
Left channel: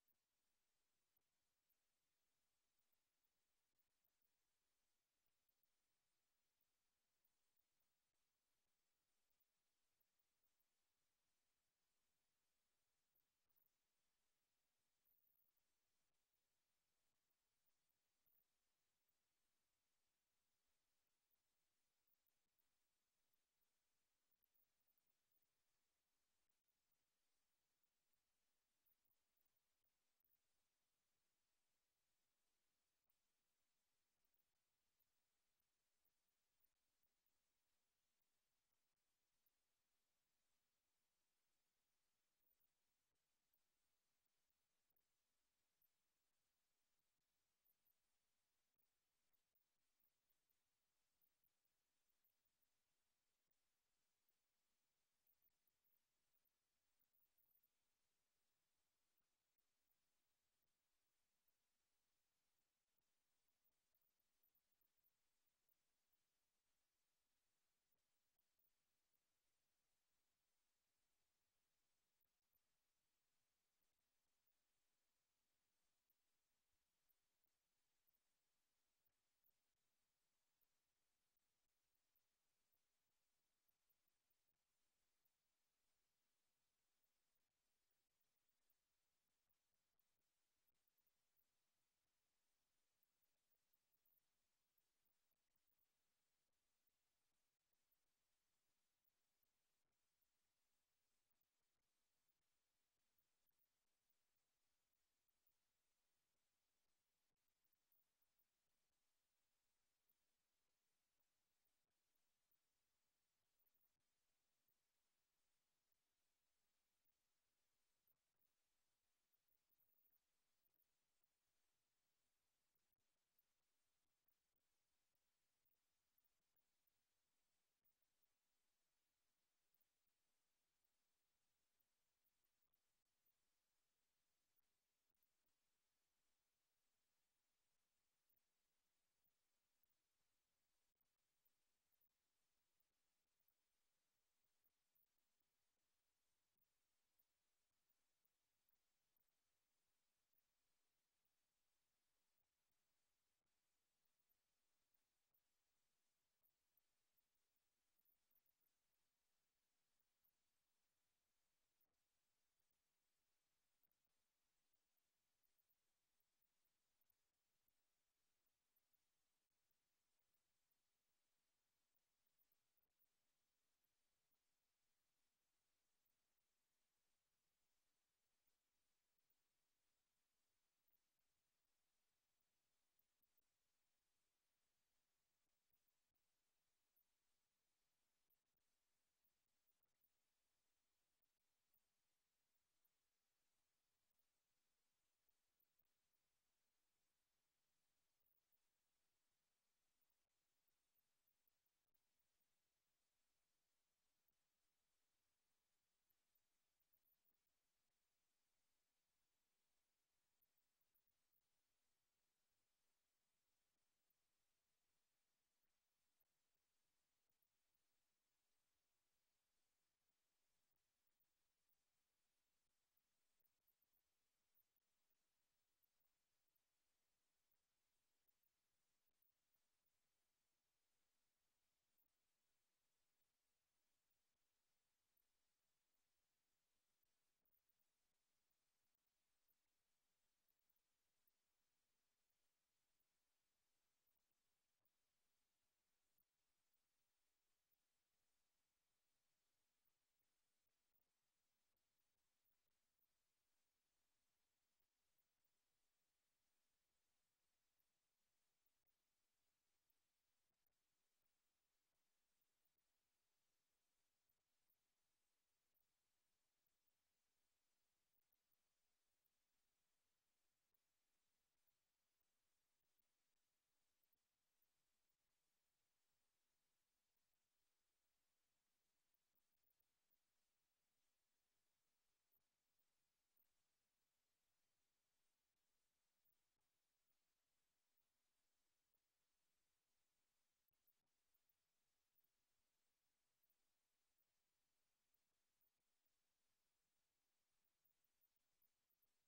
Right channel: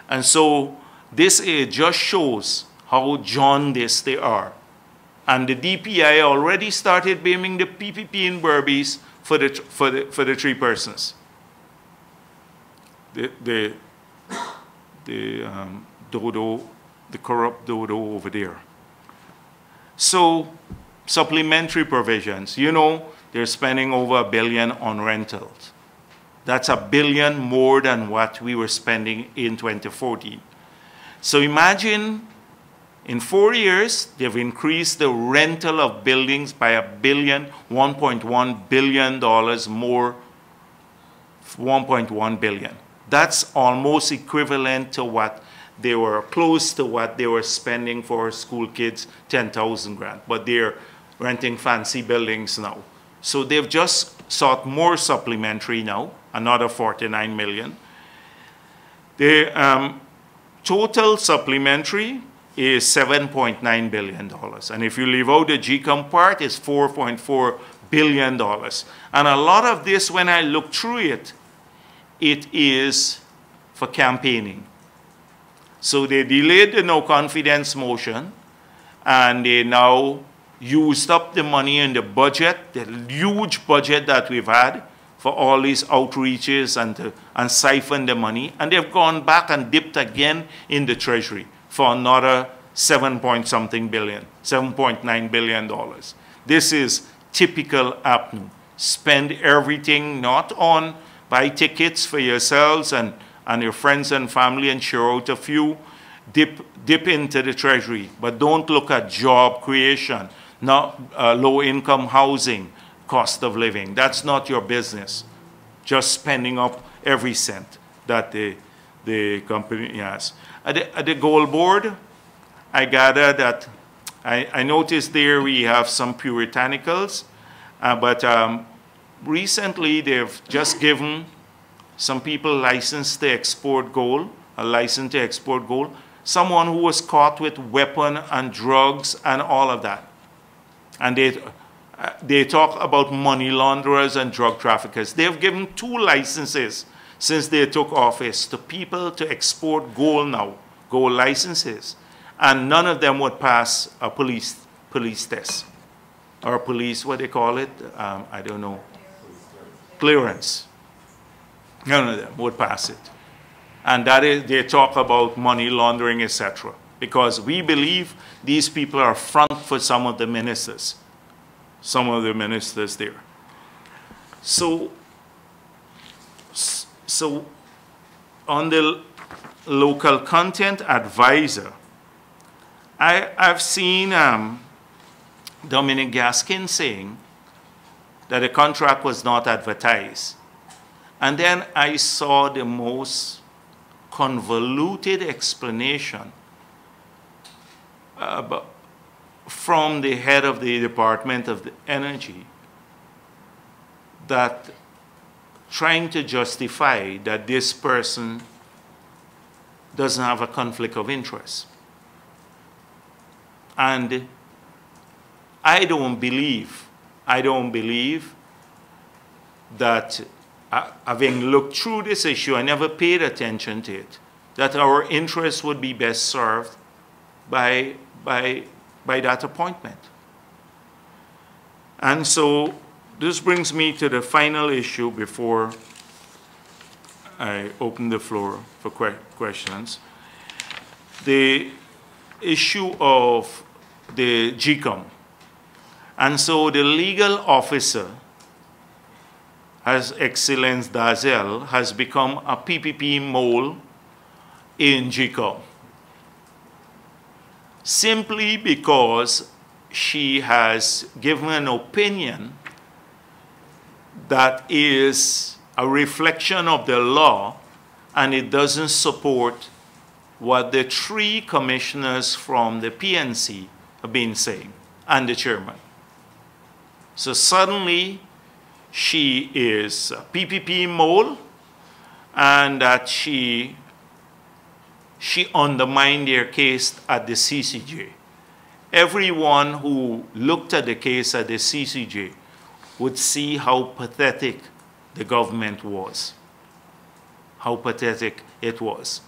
And so this just shows how jaundiced they are. And the DPI already started blaming the PPP in Berbice for the 3 persons. The dodo, the corrupt dodo over there. So supplementary provisions. You know, they're spending over $1 billion on rentals. That's $1 billion more than what we were spending in 2014. So imagine in 4 years, they've increased the rental of buildings by $1.1 billion more, $1.1 billion. That's almost equivalent to what they were, close to what they were spending for school kids, 10,000 grand. But they're renting fancy buildings now. So they've just sought more supplementary now, another 49 million. The total supplementary is $7.9 billion. And if you leave out the GCOM part, it's $4.4 billion. And a lot of this, when I look through it, it is for campaigning. So they delayed the no confidence motion, and they now used up the money in the budget, the huge budget that we've had for all these outreaches and siphon the money, and they've gone back and dipped again in the treasury for another $7.9 billion. This is typical APNU. spend everything not on buy tickets for yourselves and your friends and family and share out a few, dip into the treasury, but don't look at job creation, not low-income housing, cost of living. That's not your business. Just spending up every cent that the company has. At the gold board, I gather that I noticed there we have some puritanicals, but recently they've just given some people license to export gold, a license to export gold, someone who was caught with weapon and drugs and all of that. And they talk about money launderers and drug traffickers. They've given 2 licenses since they took office to people to export gold now, gold licenses. And none of them would pass a police test. Or police, what they call it? I don't know. Clearance. None of them would pass it. And that is, they talk about money laundering, etc. Because we believe these people are front for some of the ministers there. So on the local content advisor, I've seen Dominic Gaskin saying that the contract was not advertised. And then I saw the most convoluted explanation from the head of the Department of Energy, that trying to justify that this person doesn't have a conflict of interest. And I don't believe that, having looked through this issue, I never paid attention to it, that our interests would be best served by that appointment. And so this brings me to the final issue before I open the floor for questions. The issue of the GCOM. And so the legal officer, His Excellence Dazel, has become a PPP mole in GCOM, simply because she has given an opinion that is a reflection of the law, and it doesn't support what the 3 commissioners from the PNC have been saying, and the chairman. So suddenly, she is a PPP mole, and that she undermined their case at the CCJ. Everyone who looked at the case at the CCJ would see how pathetic the government was, how pathetic it was.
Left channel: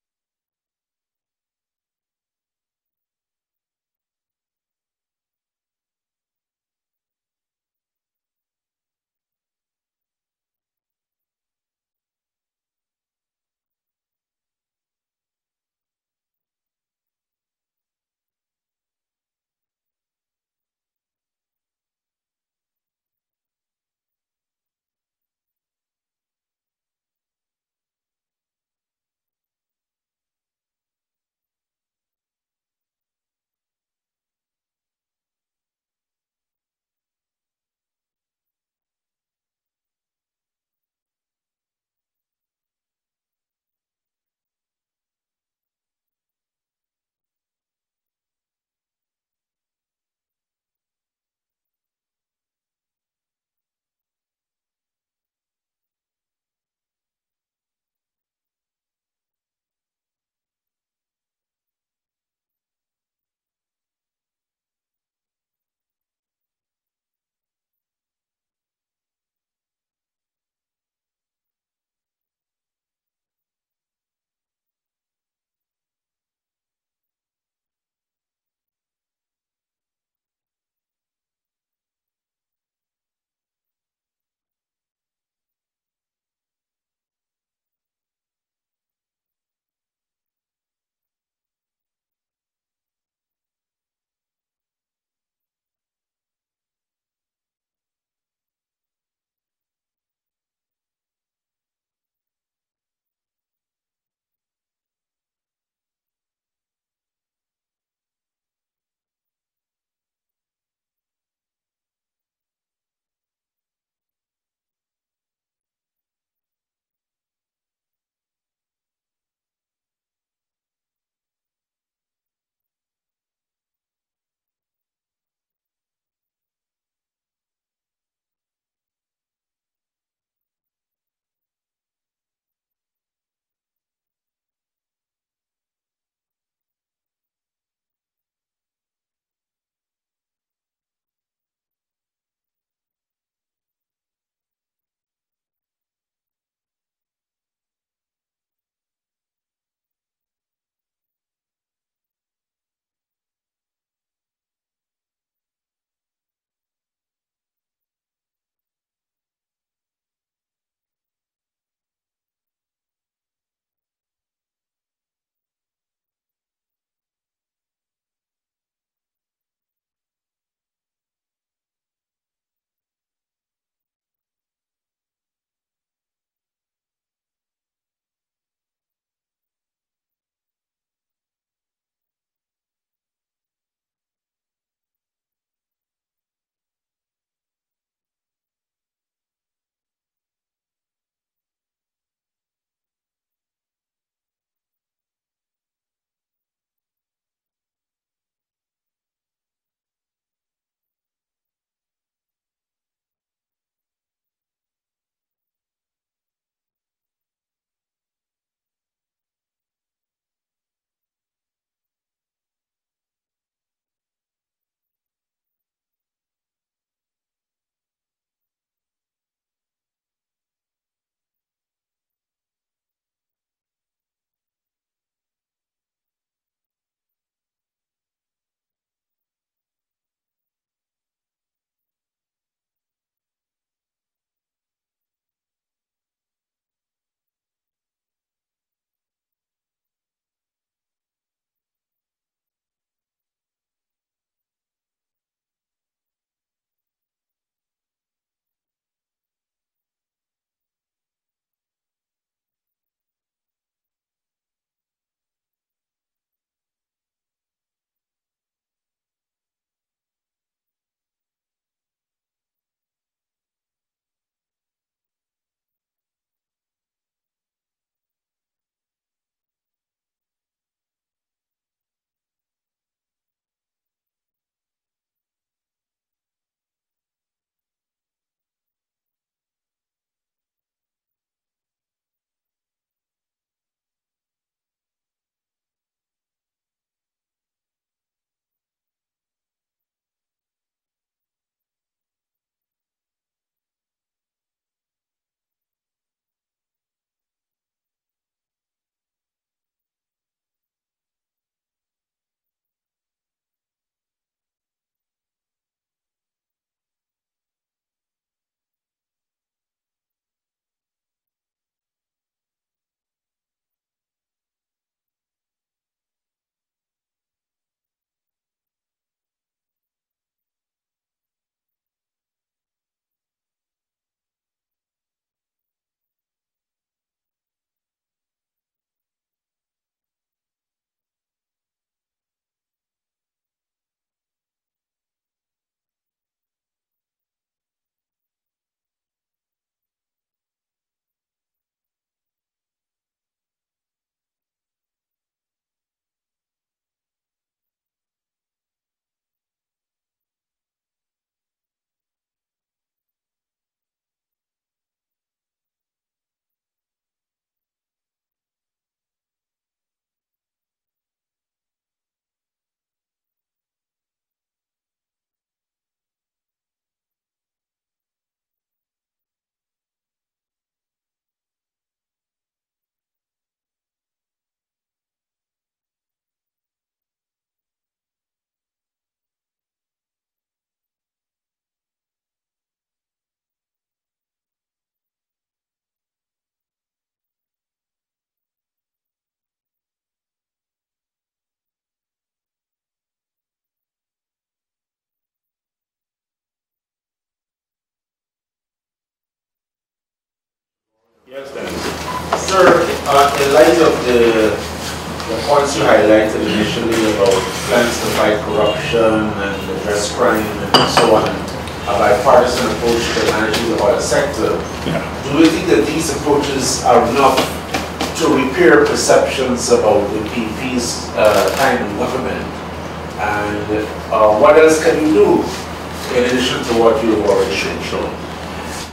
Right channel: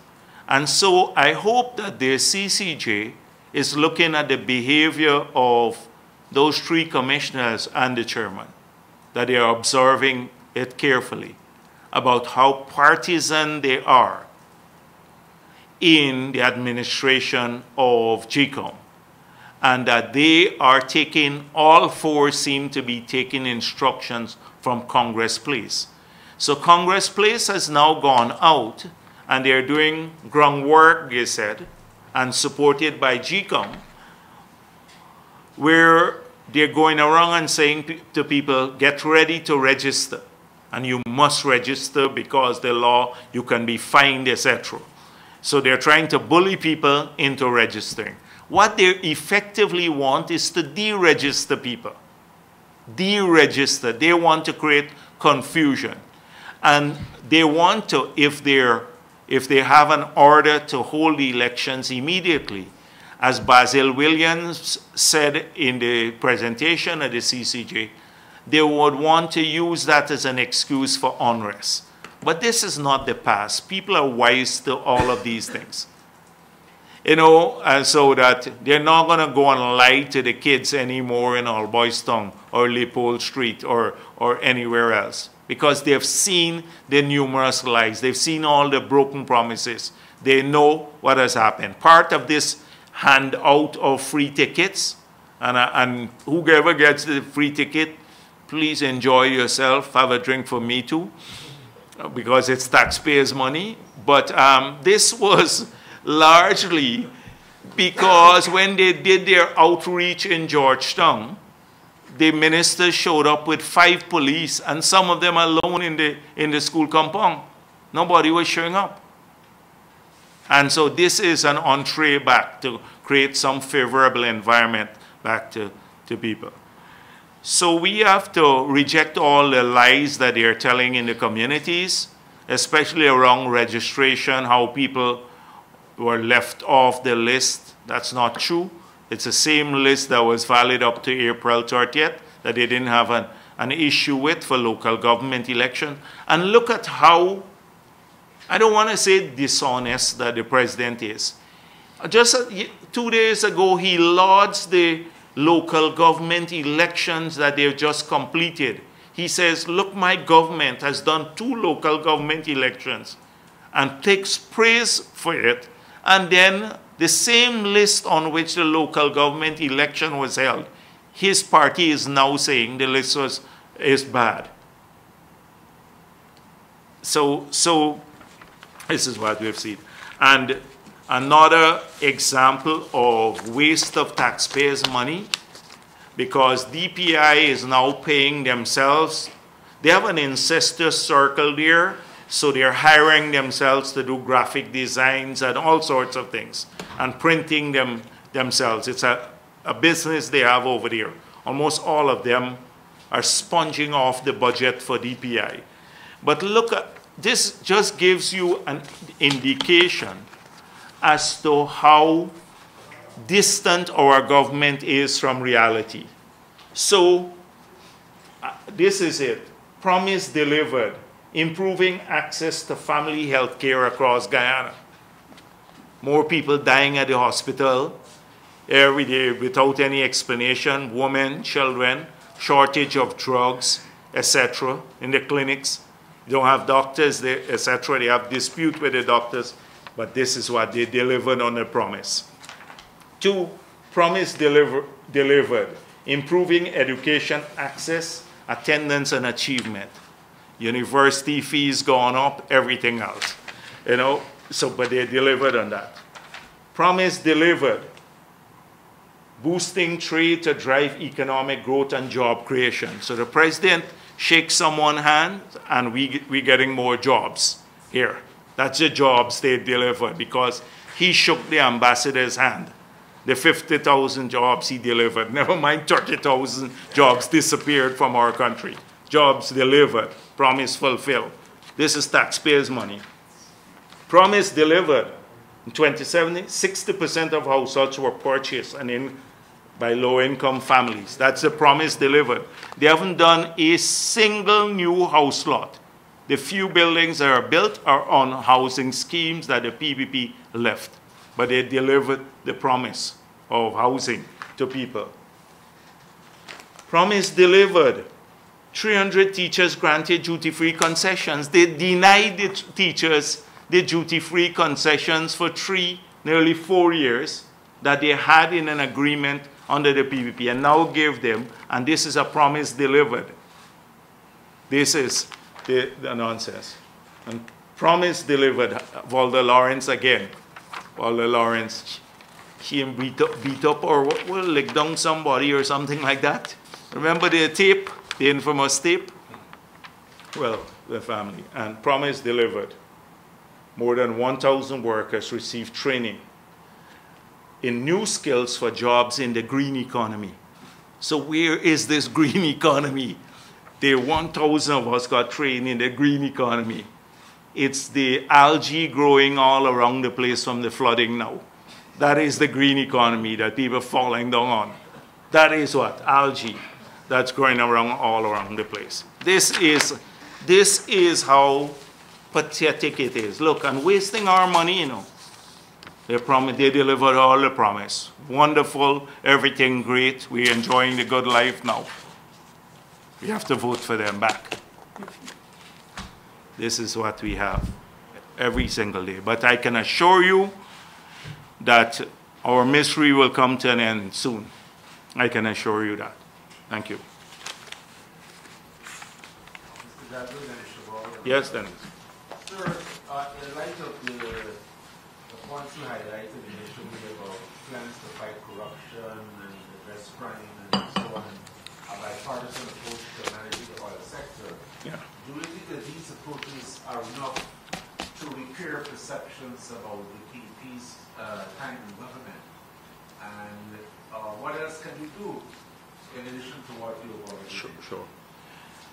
And so I hope that the CCJ is looking at the behavior of those 3 commissioners and the chairman, that they are observing it carefully about how partisan they are in the administration of GCOM, and that they are taking, all 4 seem to be taking instructions from Congress Place. So Congress Place has now gone out, and they're doing groundwork, they said, and supported by GCOM, where they're going around and saying to people, get ready to register. And you must register because the law, you can be fined, etc. So they're trying to bully people into registering. What they effectively want is to deregister people. Deregister. They want to create confusion. And they want to, if they have an order to hold the elections immediately, as Basil Williams said in the presentation at the CCJ, they would want to use that as an excuse for unrest. But this is not the past. People are wise to all of these things. You know, so that they're not going to go and lie to the kids anymore in Alboystown or Leopold Street or anywhere else, because they've seen the numerous lies. They've seen all the broken promises. They know what has happened. Part of this handout of free tickets, and whoever gets the free ticket, please enjoy yourself, have a drink for me too, because it's taxpayers' money. But this was largely because when they did their outreach in Georgetown, the minister showed up with 5 police, and some of them alone in the school compound. Nobody was showing up. And so this is an entree back to create some favorable environment back to people. So we have to reject all the lies that they're telling in the communities, especially around registration, how people were left off the list. That's not true. It's the same list that was valid up to April 30th that they didn't have an issue with for local government election. And look at how, I don't want to say dishonest that the president is. Just 2 days ago, he lauds the local government elections that they've just completed. He says, look, my government has done 2 local government elections, and takes praise for it. And then the same list on which the local government election was held, his party is now saying the list is bad. So this is what we've seen. And another example of waste of taxpayers' money, because DPI is now paying themselves. They have an incestuous circle there, so they're hiring themselves to do graphic designs and all sorts of things, and printing them themselves. It's a business they have over there. Almost all of them are sponging off the budget for DPI. But look, this just gives you an indication as to how distant our government is from reality. So this is it. Promise delivered. Improving access to family health care across Guyana. More people dying at the hospital every day without any explanation. Women, children, shortage of drugs, etc. in the clinics. They don't have doctors, etc. They have dispute with the doctors. But this is what they delivered on the promise. 2, promise delivered. Improving education access, attendance, and achievement. University fees gone up, everything else. You know, so, but they delivered on that. Promise delivered. Boosting trade to drive economic growth and job creation. So the president shakes someone's hand, and we're getting more jobs here. That's the jobs they delivered, because he shook the ambassador's hand. The 50,000 jobs he delivered, never mind 30,000 jobs disappeared from our country. Jobs delivered, promise fulfilled. This is taxpayers' money. Promise delivered. In 2017, 60% of households were purchased by low-income families. That's the promise delivered. They haven't done a single new house lot. The few buildings that are built are on housing schemes that the PPP left. But they delivered the promise of housing to people. Promise delivered. 300 teachers granted duty-free concessions. They denied the teachers the duty-free concessions for nearly 4 years that they had in an agreement under the PPP, and now give them, and this is a promise delivered. This is the nonsense. And promise delivered. Walter Lawrence again. Walter Lawrence, he beat up or well, lick down somebody or something like that. Remember the tape, the infamous tape? Well, the family. And promise delivered. More than 1,000 workers received training in new skills for jobs in the green economy. So where is this green economy? The 1,000 of us got trained in the green economy. It's the algae growing all around the place from the flooding now. That is the green economy that people are falling down on. That is what? Algae that's growing around all around the place. This is how pathetic it is. Look, and wasting our money, you know. They delivered all the promise. Wonderful, everything great. We're enjoying the good life now. We have to vote for them back. This is what we have every single day. But I can assure you that our misery will come to an end soon. I can assure you that. Thank you. Yes, Dennis. Sir, in light of the points you highlighted initially about plans to fight corruption and address crime and so on, a bipartisan approach to managing the oil sector, do you think that these approaches are enough to repair perceptions about the PP's time in government? And what else can you do in addition to what you've already shown?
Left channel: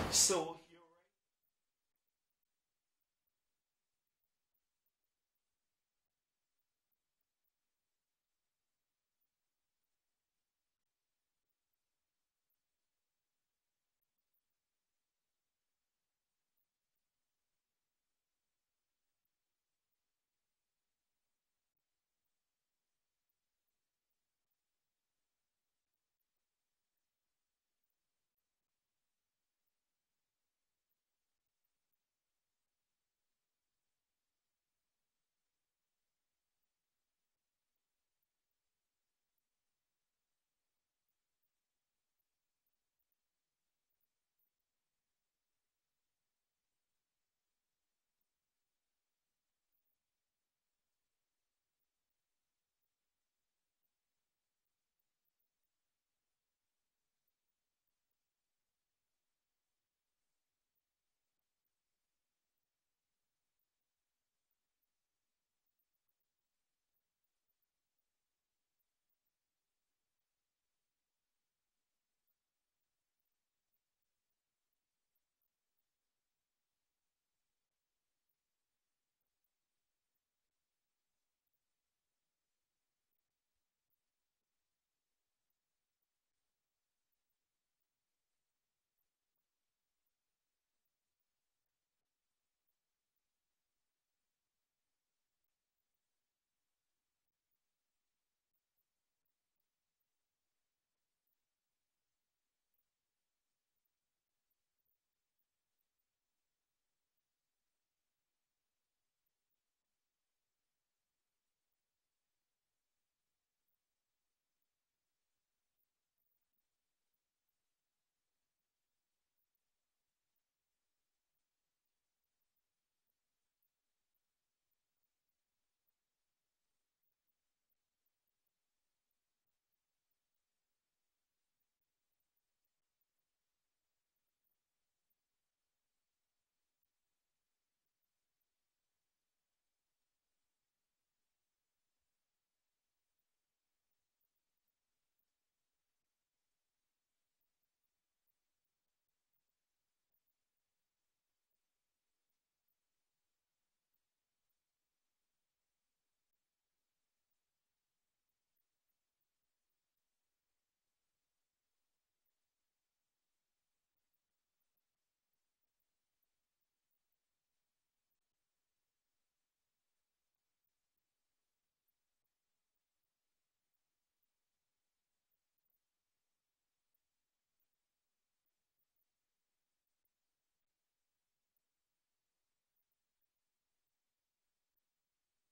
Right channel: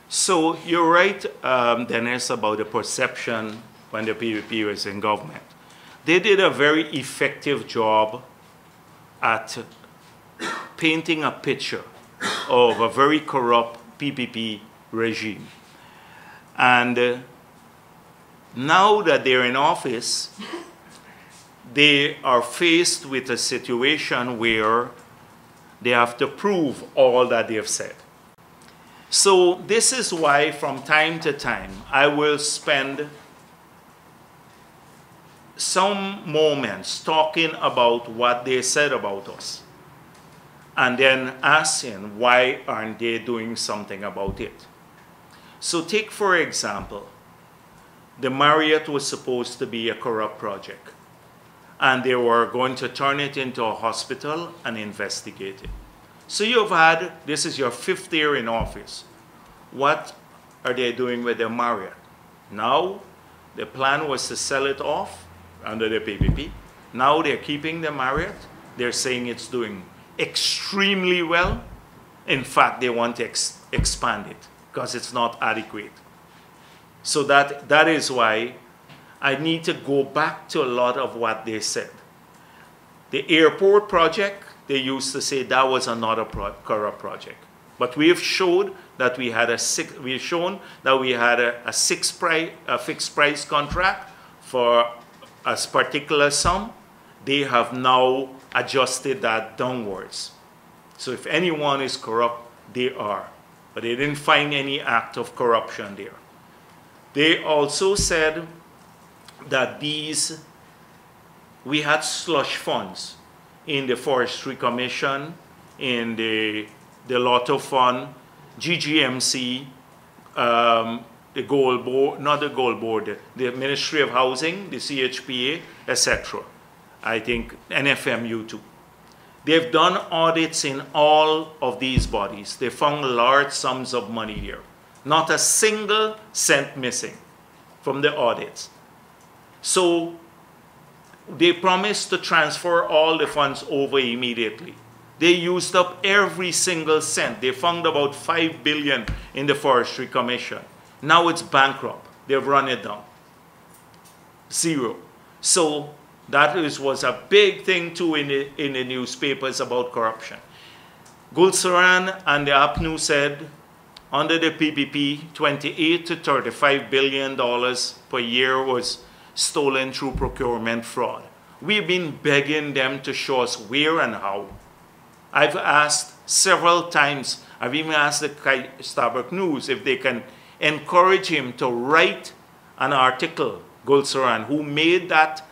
So you're right, Dennis, about the perception when the PPP was in government. They did a very effective job at painting a picture of a very corrupt PPP regime. And now that they're in office, they are faced with a situation where they have to prove all that they've said. So this is why from time to time I will spend some moments talking about what they said about us and then asking why aren't they doing something about it. So take for example, the Marriott was supposed to be a corrupt project and they were going to turn it into a hospital and investigate it. So you've had, this is your 5th year in office. What are they doing with the Marriott? Now, the plan was to sell it off under the PPP. Now they're keeping the Marriott. They're saying it's doing extremely well. In fact, they want to expand it because it's not adequate. So that is why I need to go back to a lot of what they said. The airport project, they used to say that was another corrupt project. But we have showed that we had a fixed price contract for a particular sum. They have now adjusted that downwards. So if anyone is corrupt, they are. But they didn't find any act of corruption there. They also said that we had slush funds in the Forestry Commission, in the Lotto Fund, GGMC, the Gold Board, not the Gold Board, the Ministry of Housing, the CHPA, etc. I think NFMU too. They've done audits in all of these bodies. They found large sums of money here. Not a single cent missing from the audits. So they promised to transfer all the funds over immediately. They used up every single cent. They found about $5 billion in the Forestry Commission. Now it's bankrupt. They've run it down. Zero. So that was a big thing too in the newspapers about corruption. Gulsaran and the APNU said under the PPP, $28 to $35 billion per year was stolen through procurement fraud. We've been begging them to show us where and how. I've asked several times, I've even asked the Starbuck News if they can encourage him to write an article, Gulsaran, who made that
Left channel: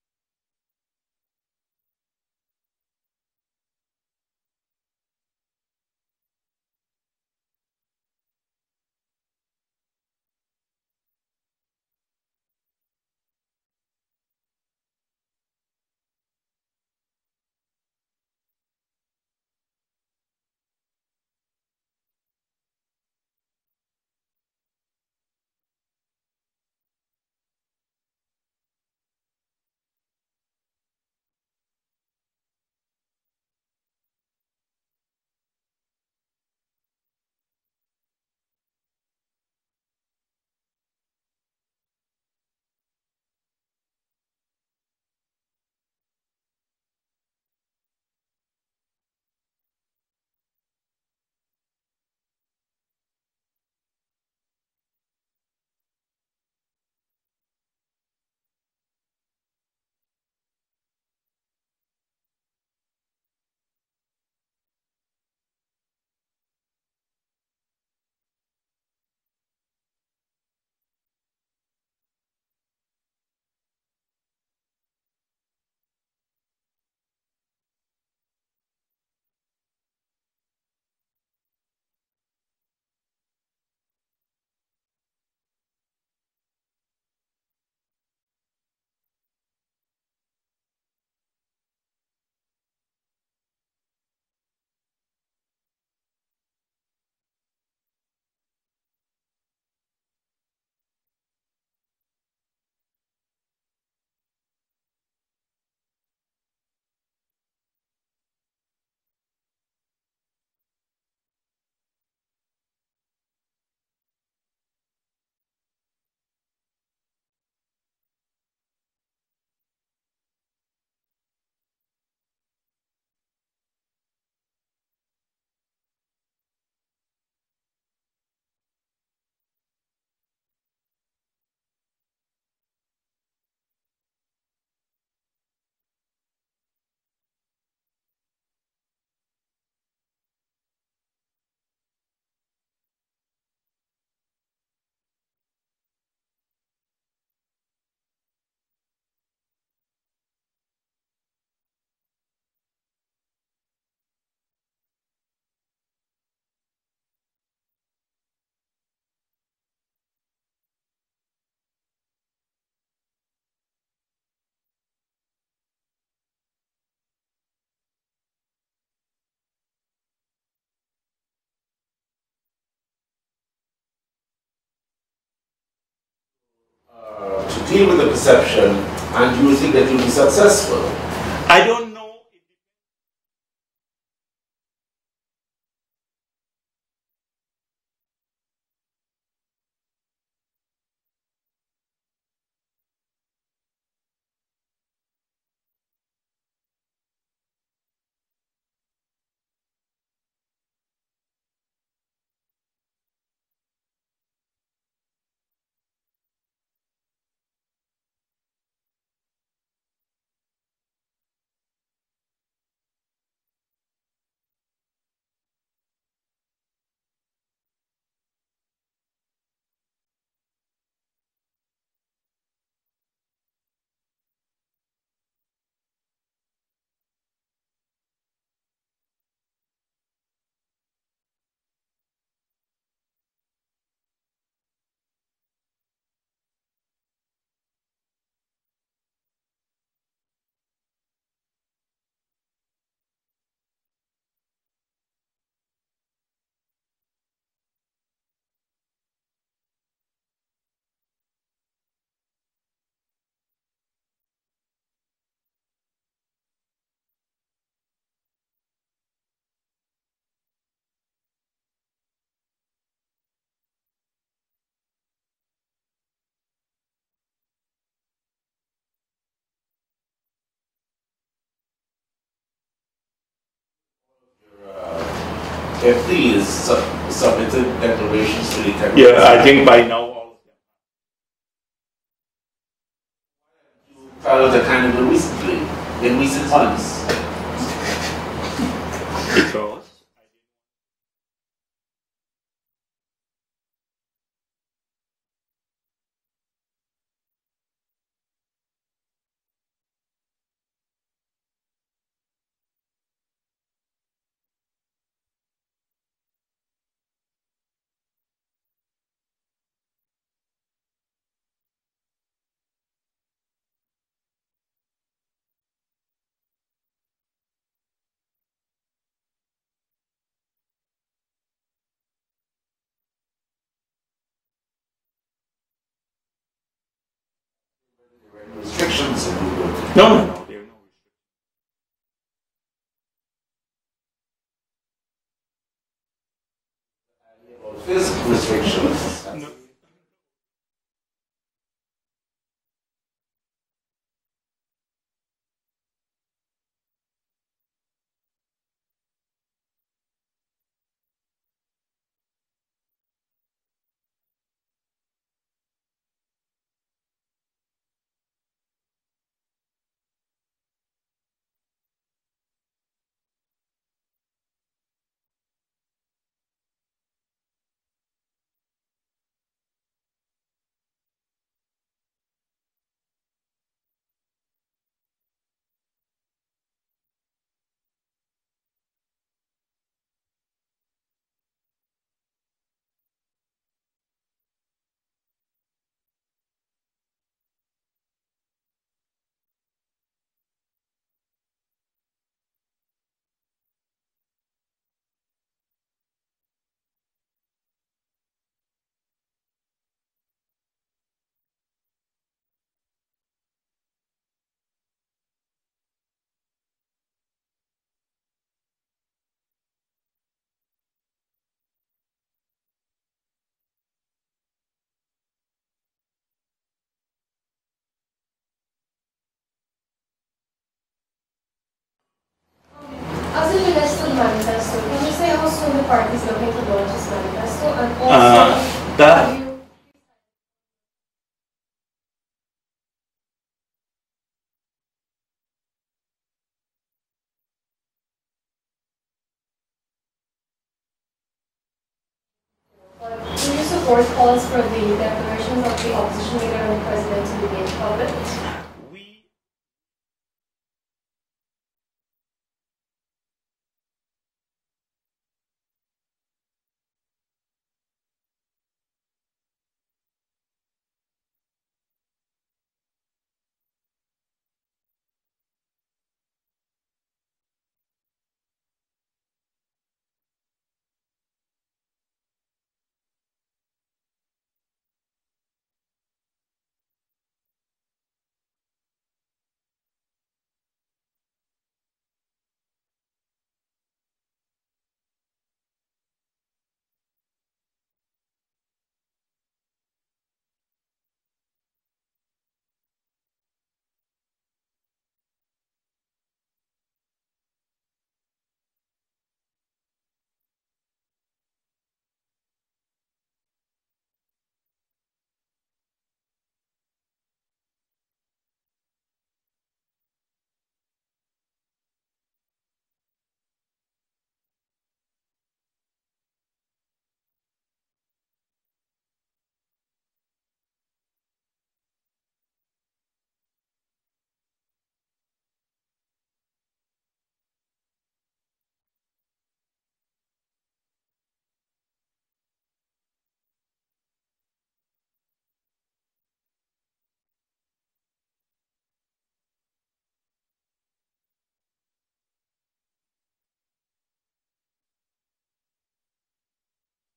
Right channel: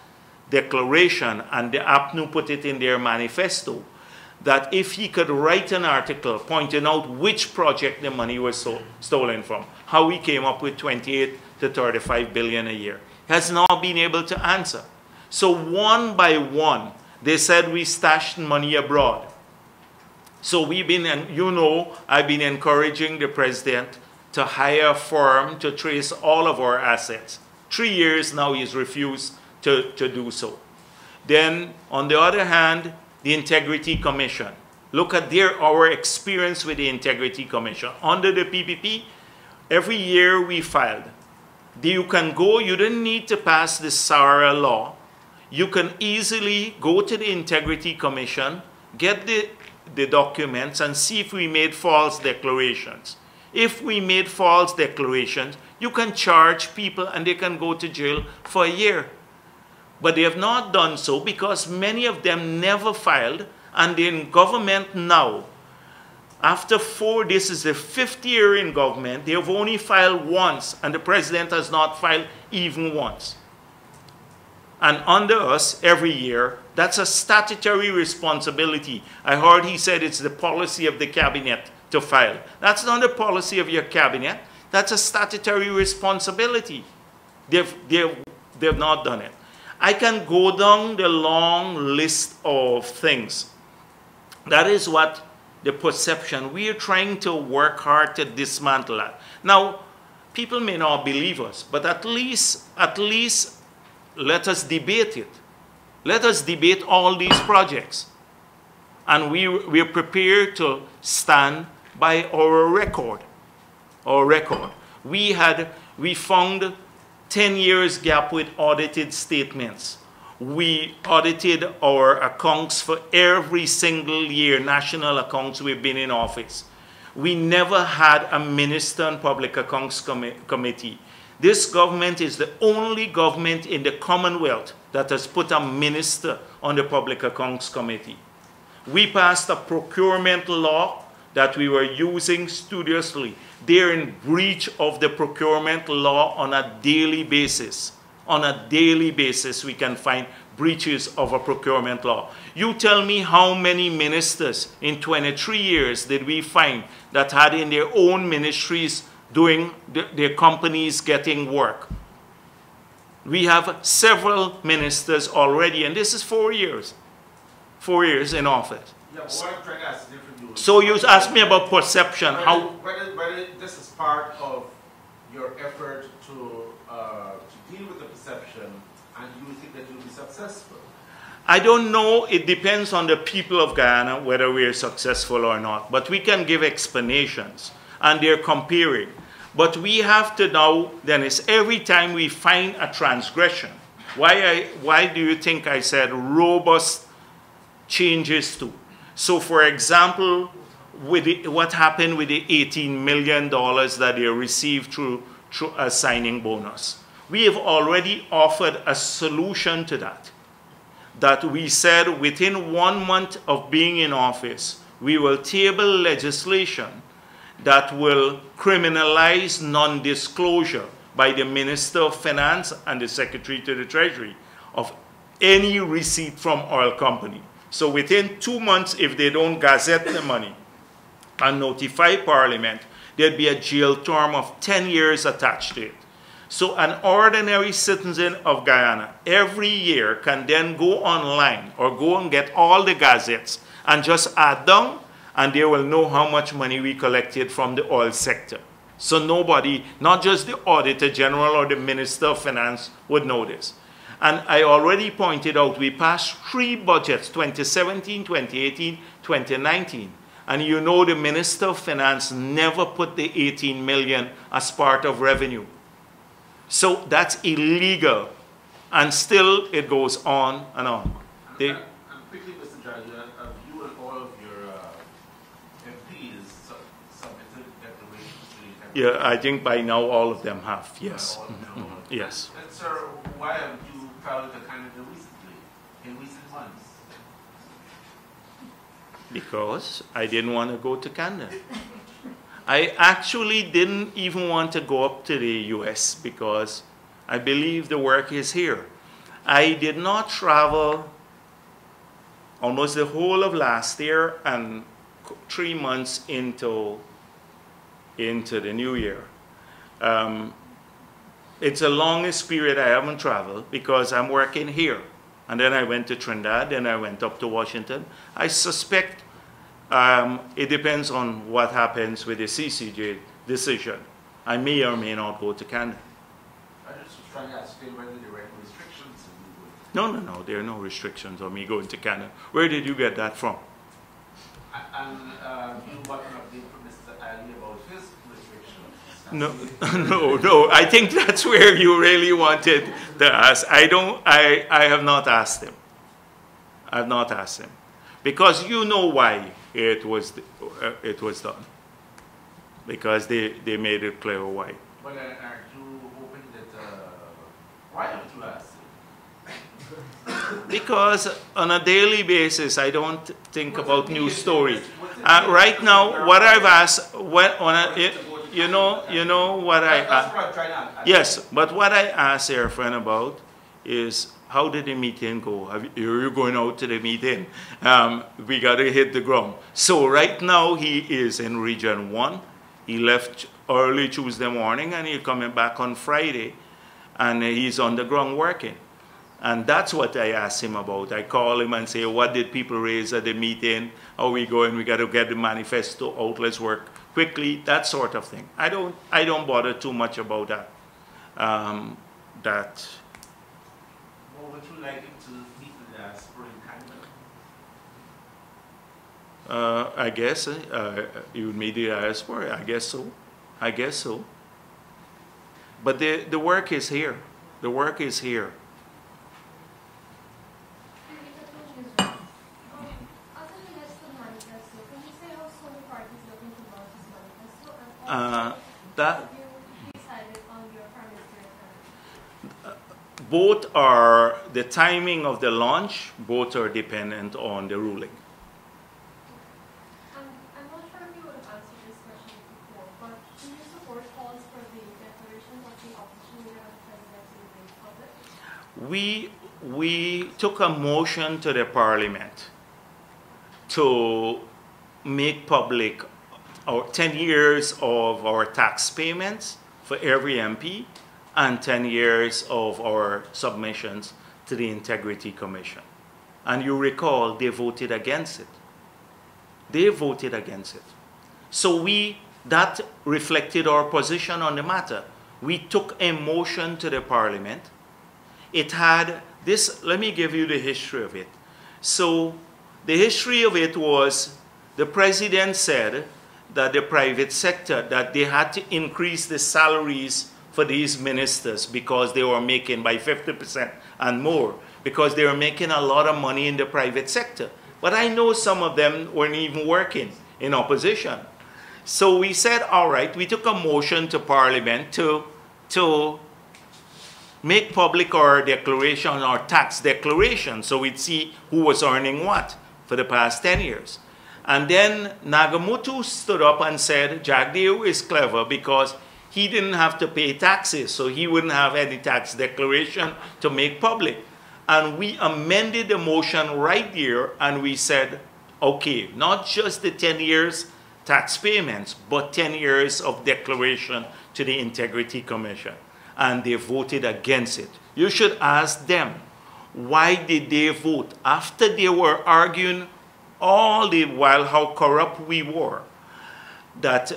declaration, and the APNU put it in their manifesto, that if he could write an article pointing out which project the money was stolen from, how he came up with 28 to 35 billion a year, has not been able to answer. So one by one, they said we stashed money abroad. So we've been, and you know, I've been encouraging the president to hire a firm to trace all of our assets. 3 years now he's refused to do so. Then, on the other hand, the Integrity Commission. Look at our experience with the Integrity Commission. Under the PPP, every year we filed. You can go, you didn't need to pass the SARA law. You can easily go to the Integrity Commission, get the documents and see if we made false declarations. If we made false declarations, you can charge people and they can go to jail for a year. But they have not done so because many of them never filed, and they're in government now. After this is the 5th year in government, they have only filed once, and the president has not filed even once. And under us, every year, that's a statutory responsibility. I heard he said it's the policy of the cabinet to file. That's not the policy of your cabinet. That's a statutory responsibility. They've not done it. I can go down the long list of things. That is what the perception. We are trying to work hard to dismantle that. Now, people may not believe us, but at least let us debate it. Let us debate all these projects. And we're prepared to stand by our record. Our record. We found 10 years gap with audited statements. We audited our accounts for every single year, national accounts we've been in office. We never had a minister on Public Accounts Committee. This government is the only government in the Commonwealth that has put a minister on the Public Accounts Committee. We passed a procurement law that we were using studiously. They're in breach of the procurement law on a daily basis. On a daily basis, we can find breaches of a procurement law. You tell me how many ministers in 23 years did we find that had in their own ministries doing their companies getting work. We have several ministers already, and this is 4 years. 4 years in office. Yeah, but what I'm trying to ask is different. So you asked me about perception. Whether this is part of your effort to deal with the perception, and you think that you'll be successful? I don't know. It depends on the people of Guyana whether we are successful or not. But we can give explanations, and they're comparing. But we have to now, Dennis, every time we find a transgression, why do you think I said robust changes to? So, for example, what happened with the $18 million that they received through a signing bonus? We have already offered a solution to that. That we said within 1 month of being in office, we will table legislation that will criminalize non-disclosure by the Minister of Finance and the Secretary to the Treasury of any receipt from oil company. So within 2 months, if they don't gazette the money and notify Parliament, there'd be a jail term of 10 years attached to it. So an ordinary citizen of Guyana every year can then go online or go and get all the gazettes and just add down, and they will know how much money we collected from the oil sector. So nobody, not just the Auditor General or the Minister of Finance, would know this. And I already pointed out, we passed 3 budgets, 2017, 2018, 2019. And you know the Minister of Finance never put the 18 million as part of revenue. So that's illegal. And still it goes on and on. And quickly, Mr. Jagdeo, have you and all of your FDs submitted declarations to the technical? Yeah, I think by now all of them have, yes. Yes. And sir, why have you filed a Canada recently, in recent months? Because I didn't want to go to Canada. I actually didn't even want to go up to the US because I believe the work is here. I did not travel almost the whole of last year and 3 months into the new year. It's the longest period I haven't traveled because I'm working here. And then I went to Trinidad, then I went up to Washington. I suspect it depends on what happens with the CCJ decision. I may or may not go to Canada. I just was trying to ask you whether there were any restrictions on you going to Canada. No, there are no restrictions on me going to Canada. Where did you get that from? And you got an update from Mr. Ali about physical restrictions? No. I think that's where you really wanted to ask. I have not asked him. I have not asked him. Because you know why it was done. Because they made it clear why. But are you hoping that, why haven't you asked him? Because on a daily basis, I don't think about news stories. Right now, what I've asked, you know what I asked. Yes, but what I asked your friend about is, how did the meeting go? You're going out to the meeting. We got to hit the ground. So right now he is in Region 1. He left early Tuesday morning and he's coming back on Friday and he's on the ground working. And that's what I asked him about. I call him and say, what did people raise at the meeting? How are we going? We got to get the manifesto out. Let's work quickly. That sort of thing. I don't bother too much about that. Well, would you like him to meet with the spring candidate? I guess you would meet the diaspora. I guess so. I guess so. But the work is here. The work is here. As it relates to the manifesto, can you say how soon the party is looking to launch this manifesto? And also, have you decided on your prime minister? Both are, the timing of the launch, both are dependent on the ruling. I'm not sure if you would have answered this question before, but do you support calls for the declarations of the opposition leader and the president to be made public? We took a motion to the parliament to make public our 10 years of our tax payments for every MP and 10 years of our submissions to the Integrity Commission. And you recall, they voted against it. They voted against it. So that reflected our position on the matter. We took a motion to the parliament. It had this, let me give you the history of it. So the history of it was the president said that the private sector, that they had to increase the salaries for these ministers because they were making by 50% and more, because they were making a lot of money in the private sector. But I know some of them weren't even working in opposition. So we said, all right, we took a motion to Parliament to make public our declaration, our tax declaration, so we'd see who was earning what for the past 10 years. And then Nagamutu stood up and said, Jagdeo is clever because he didn't have to pay taxes, so he wouldn't have any tax declaration to make public. And we amended the motion right there, and we said, okay, not just the 10 years tax payments, but 10 years of declaration to the Integrity Commission. And they voted against it. You should ask them, why did they vote? After they were arguing all the while how corrupt we were, that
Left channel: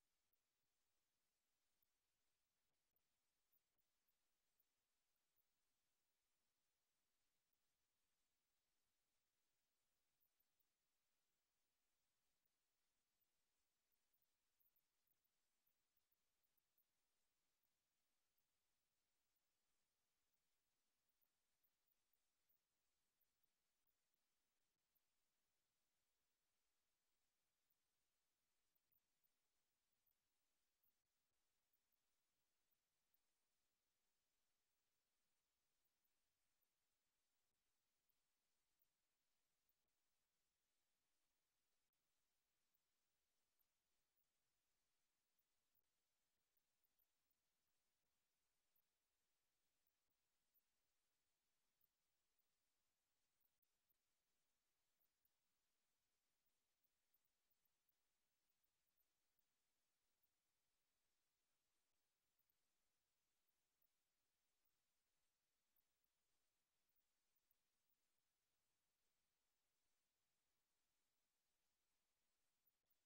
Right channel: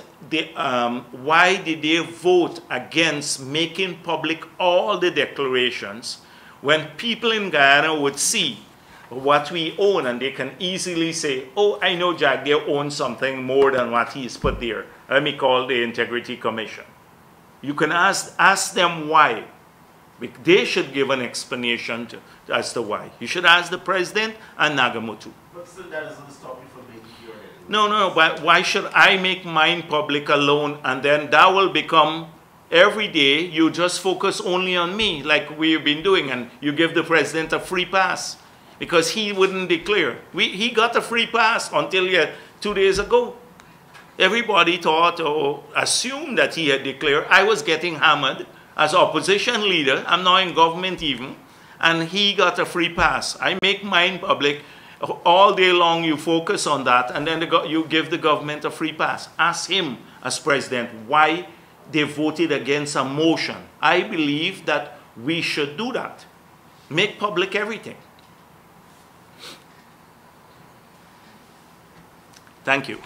why did they vote against making public all the declarations when people in Guyana would see what we own and they can easily say, oh, I know Jagdeo owns something more than what he's put there. Let me call the Integrity Commission. You can ask them why. They should give an explanation as to why. You should ask the president and Nagamutu. But still that doesn't stop you from making your evidence. No, but why should I make mine public alone and then that will become, every day you just focus only on me like we've been doing and you give the president a free pass because he wouldn't declare. He got a free pass until 2 days ago. Everybody thought or assumed that he had declared. I was getting hammered as opposition leader. I'm now in government even. And he got a free pass. I make mine public. All day long you focus on that and then you give the government a free pass. Ask him as president why they voted against a motion. I believe that we should do that. Make public everything. Thank you.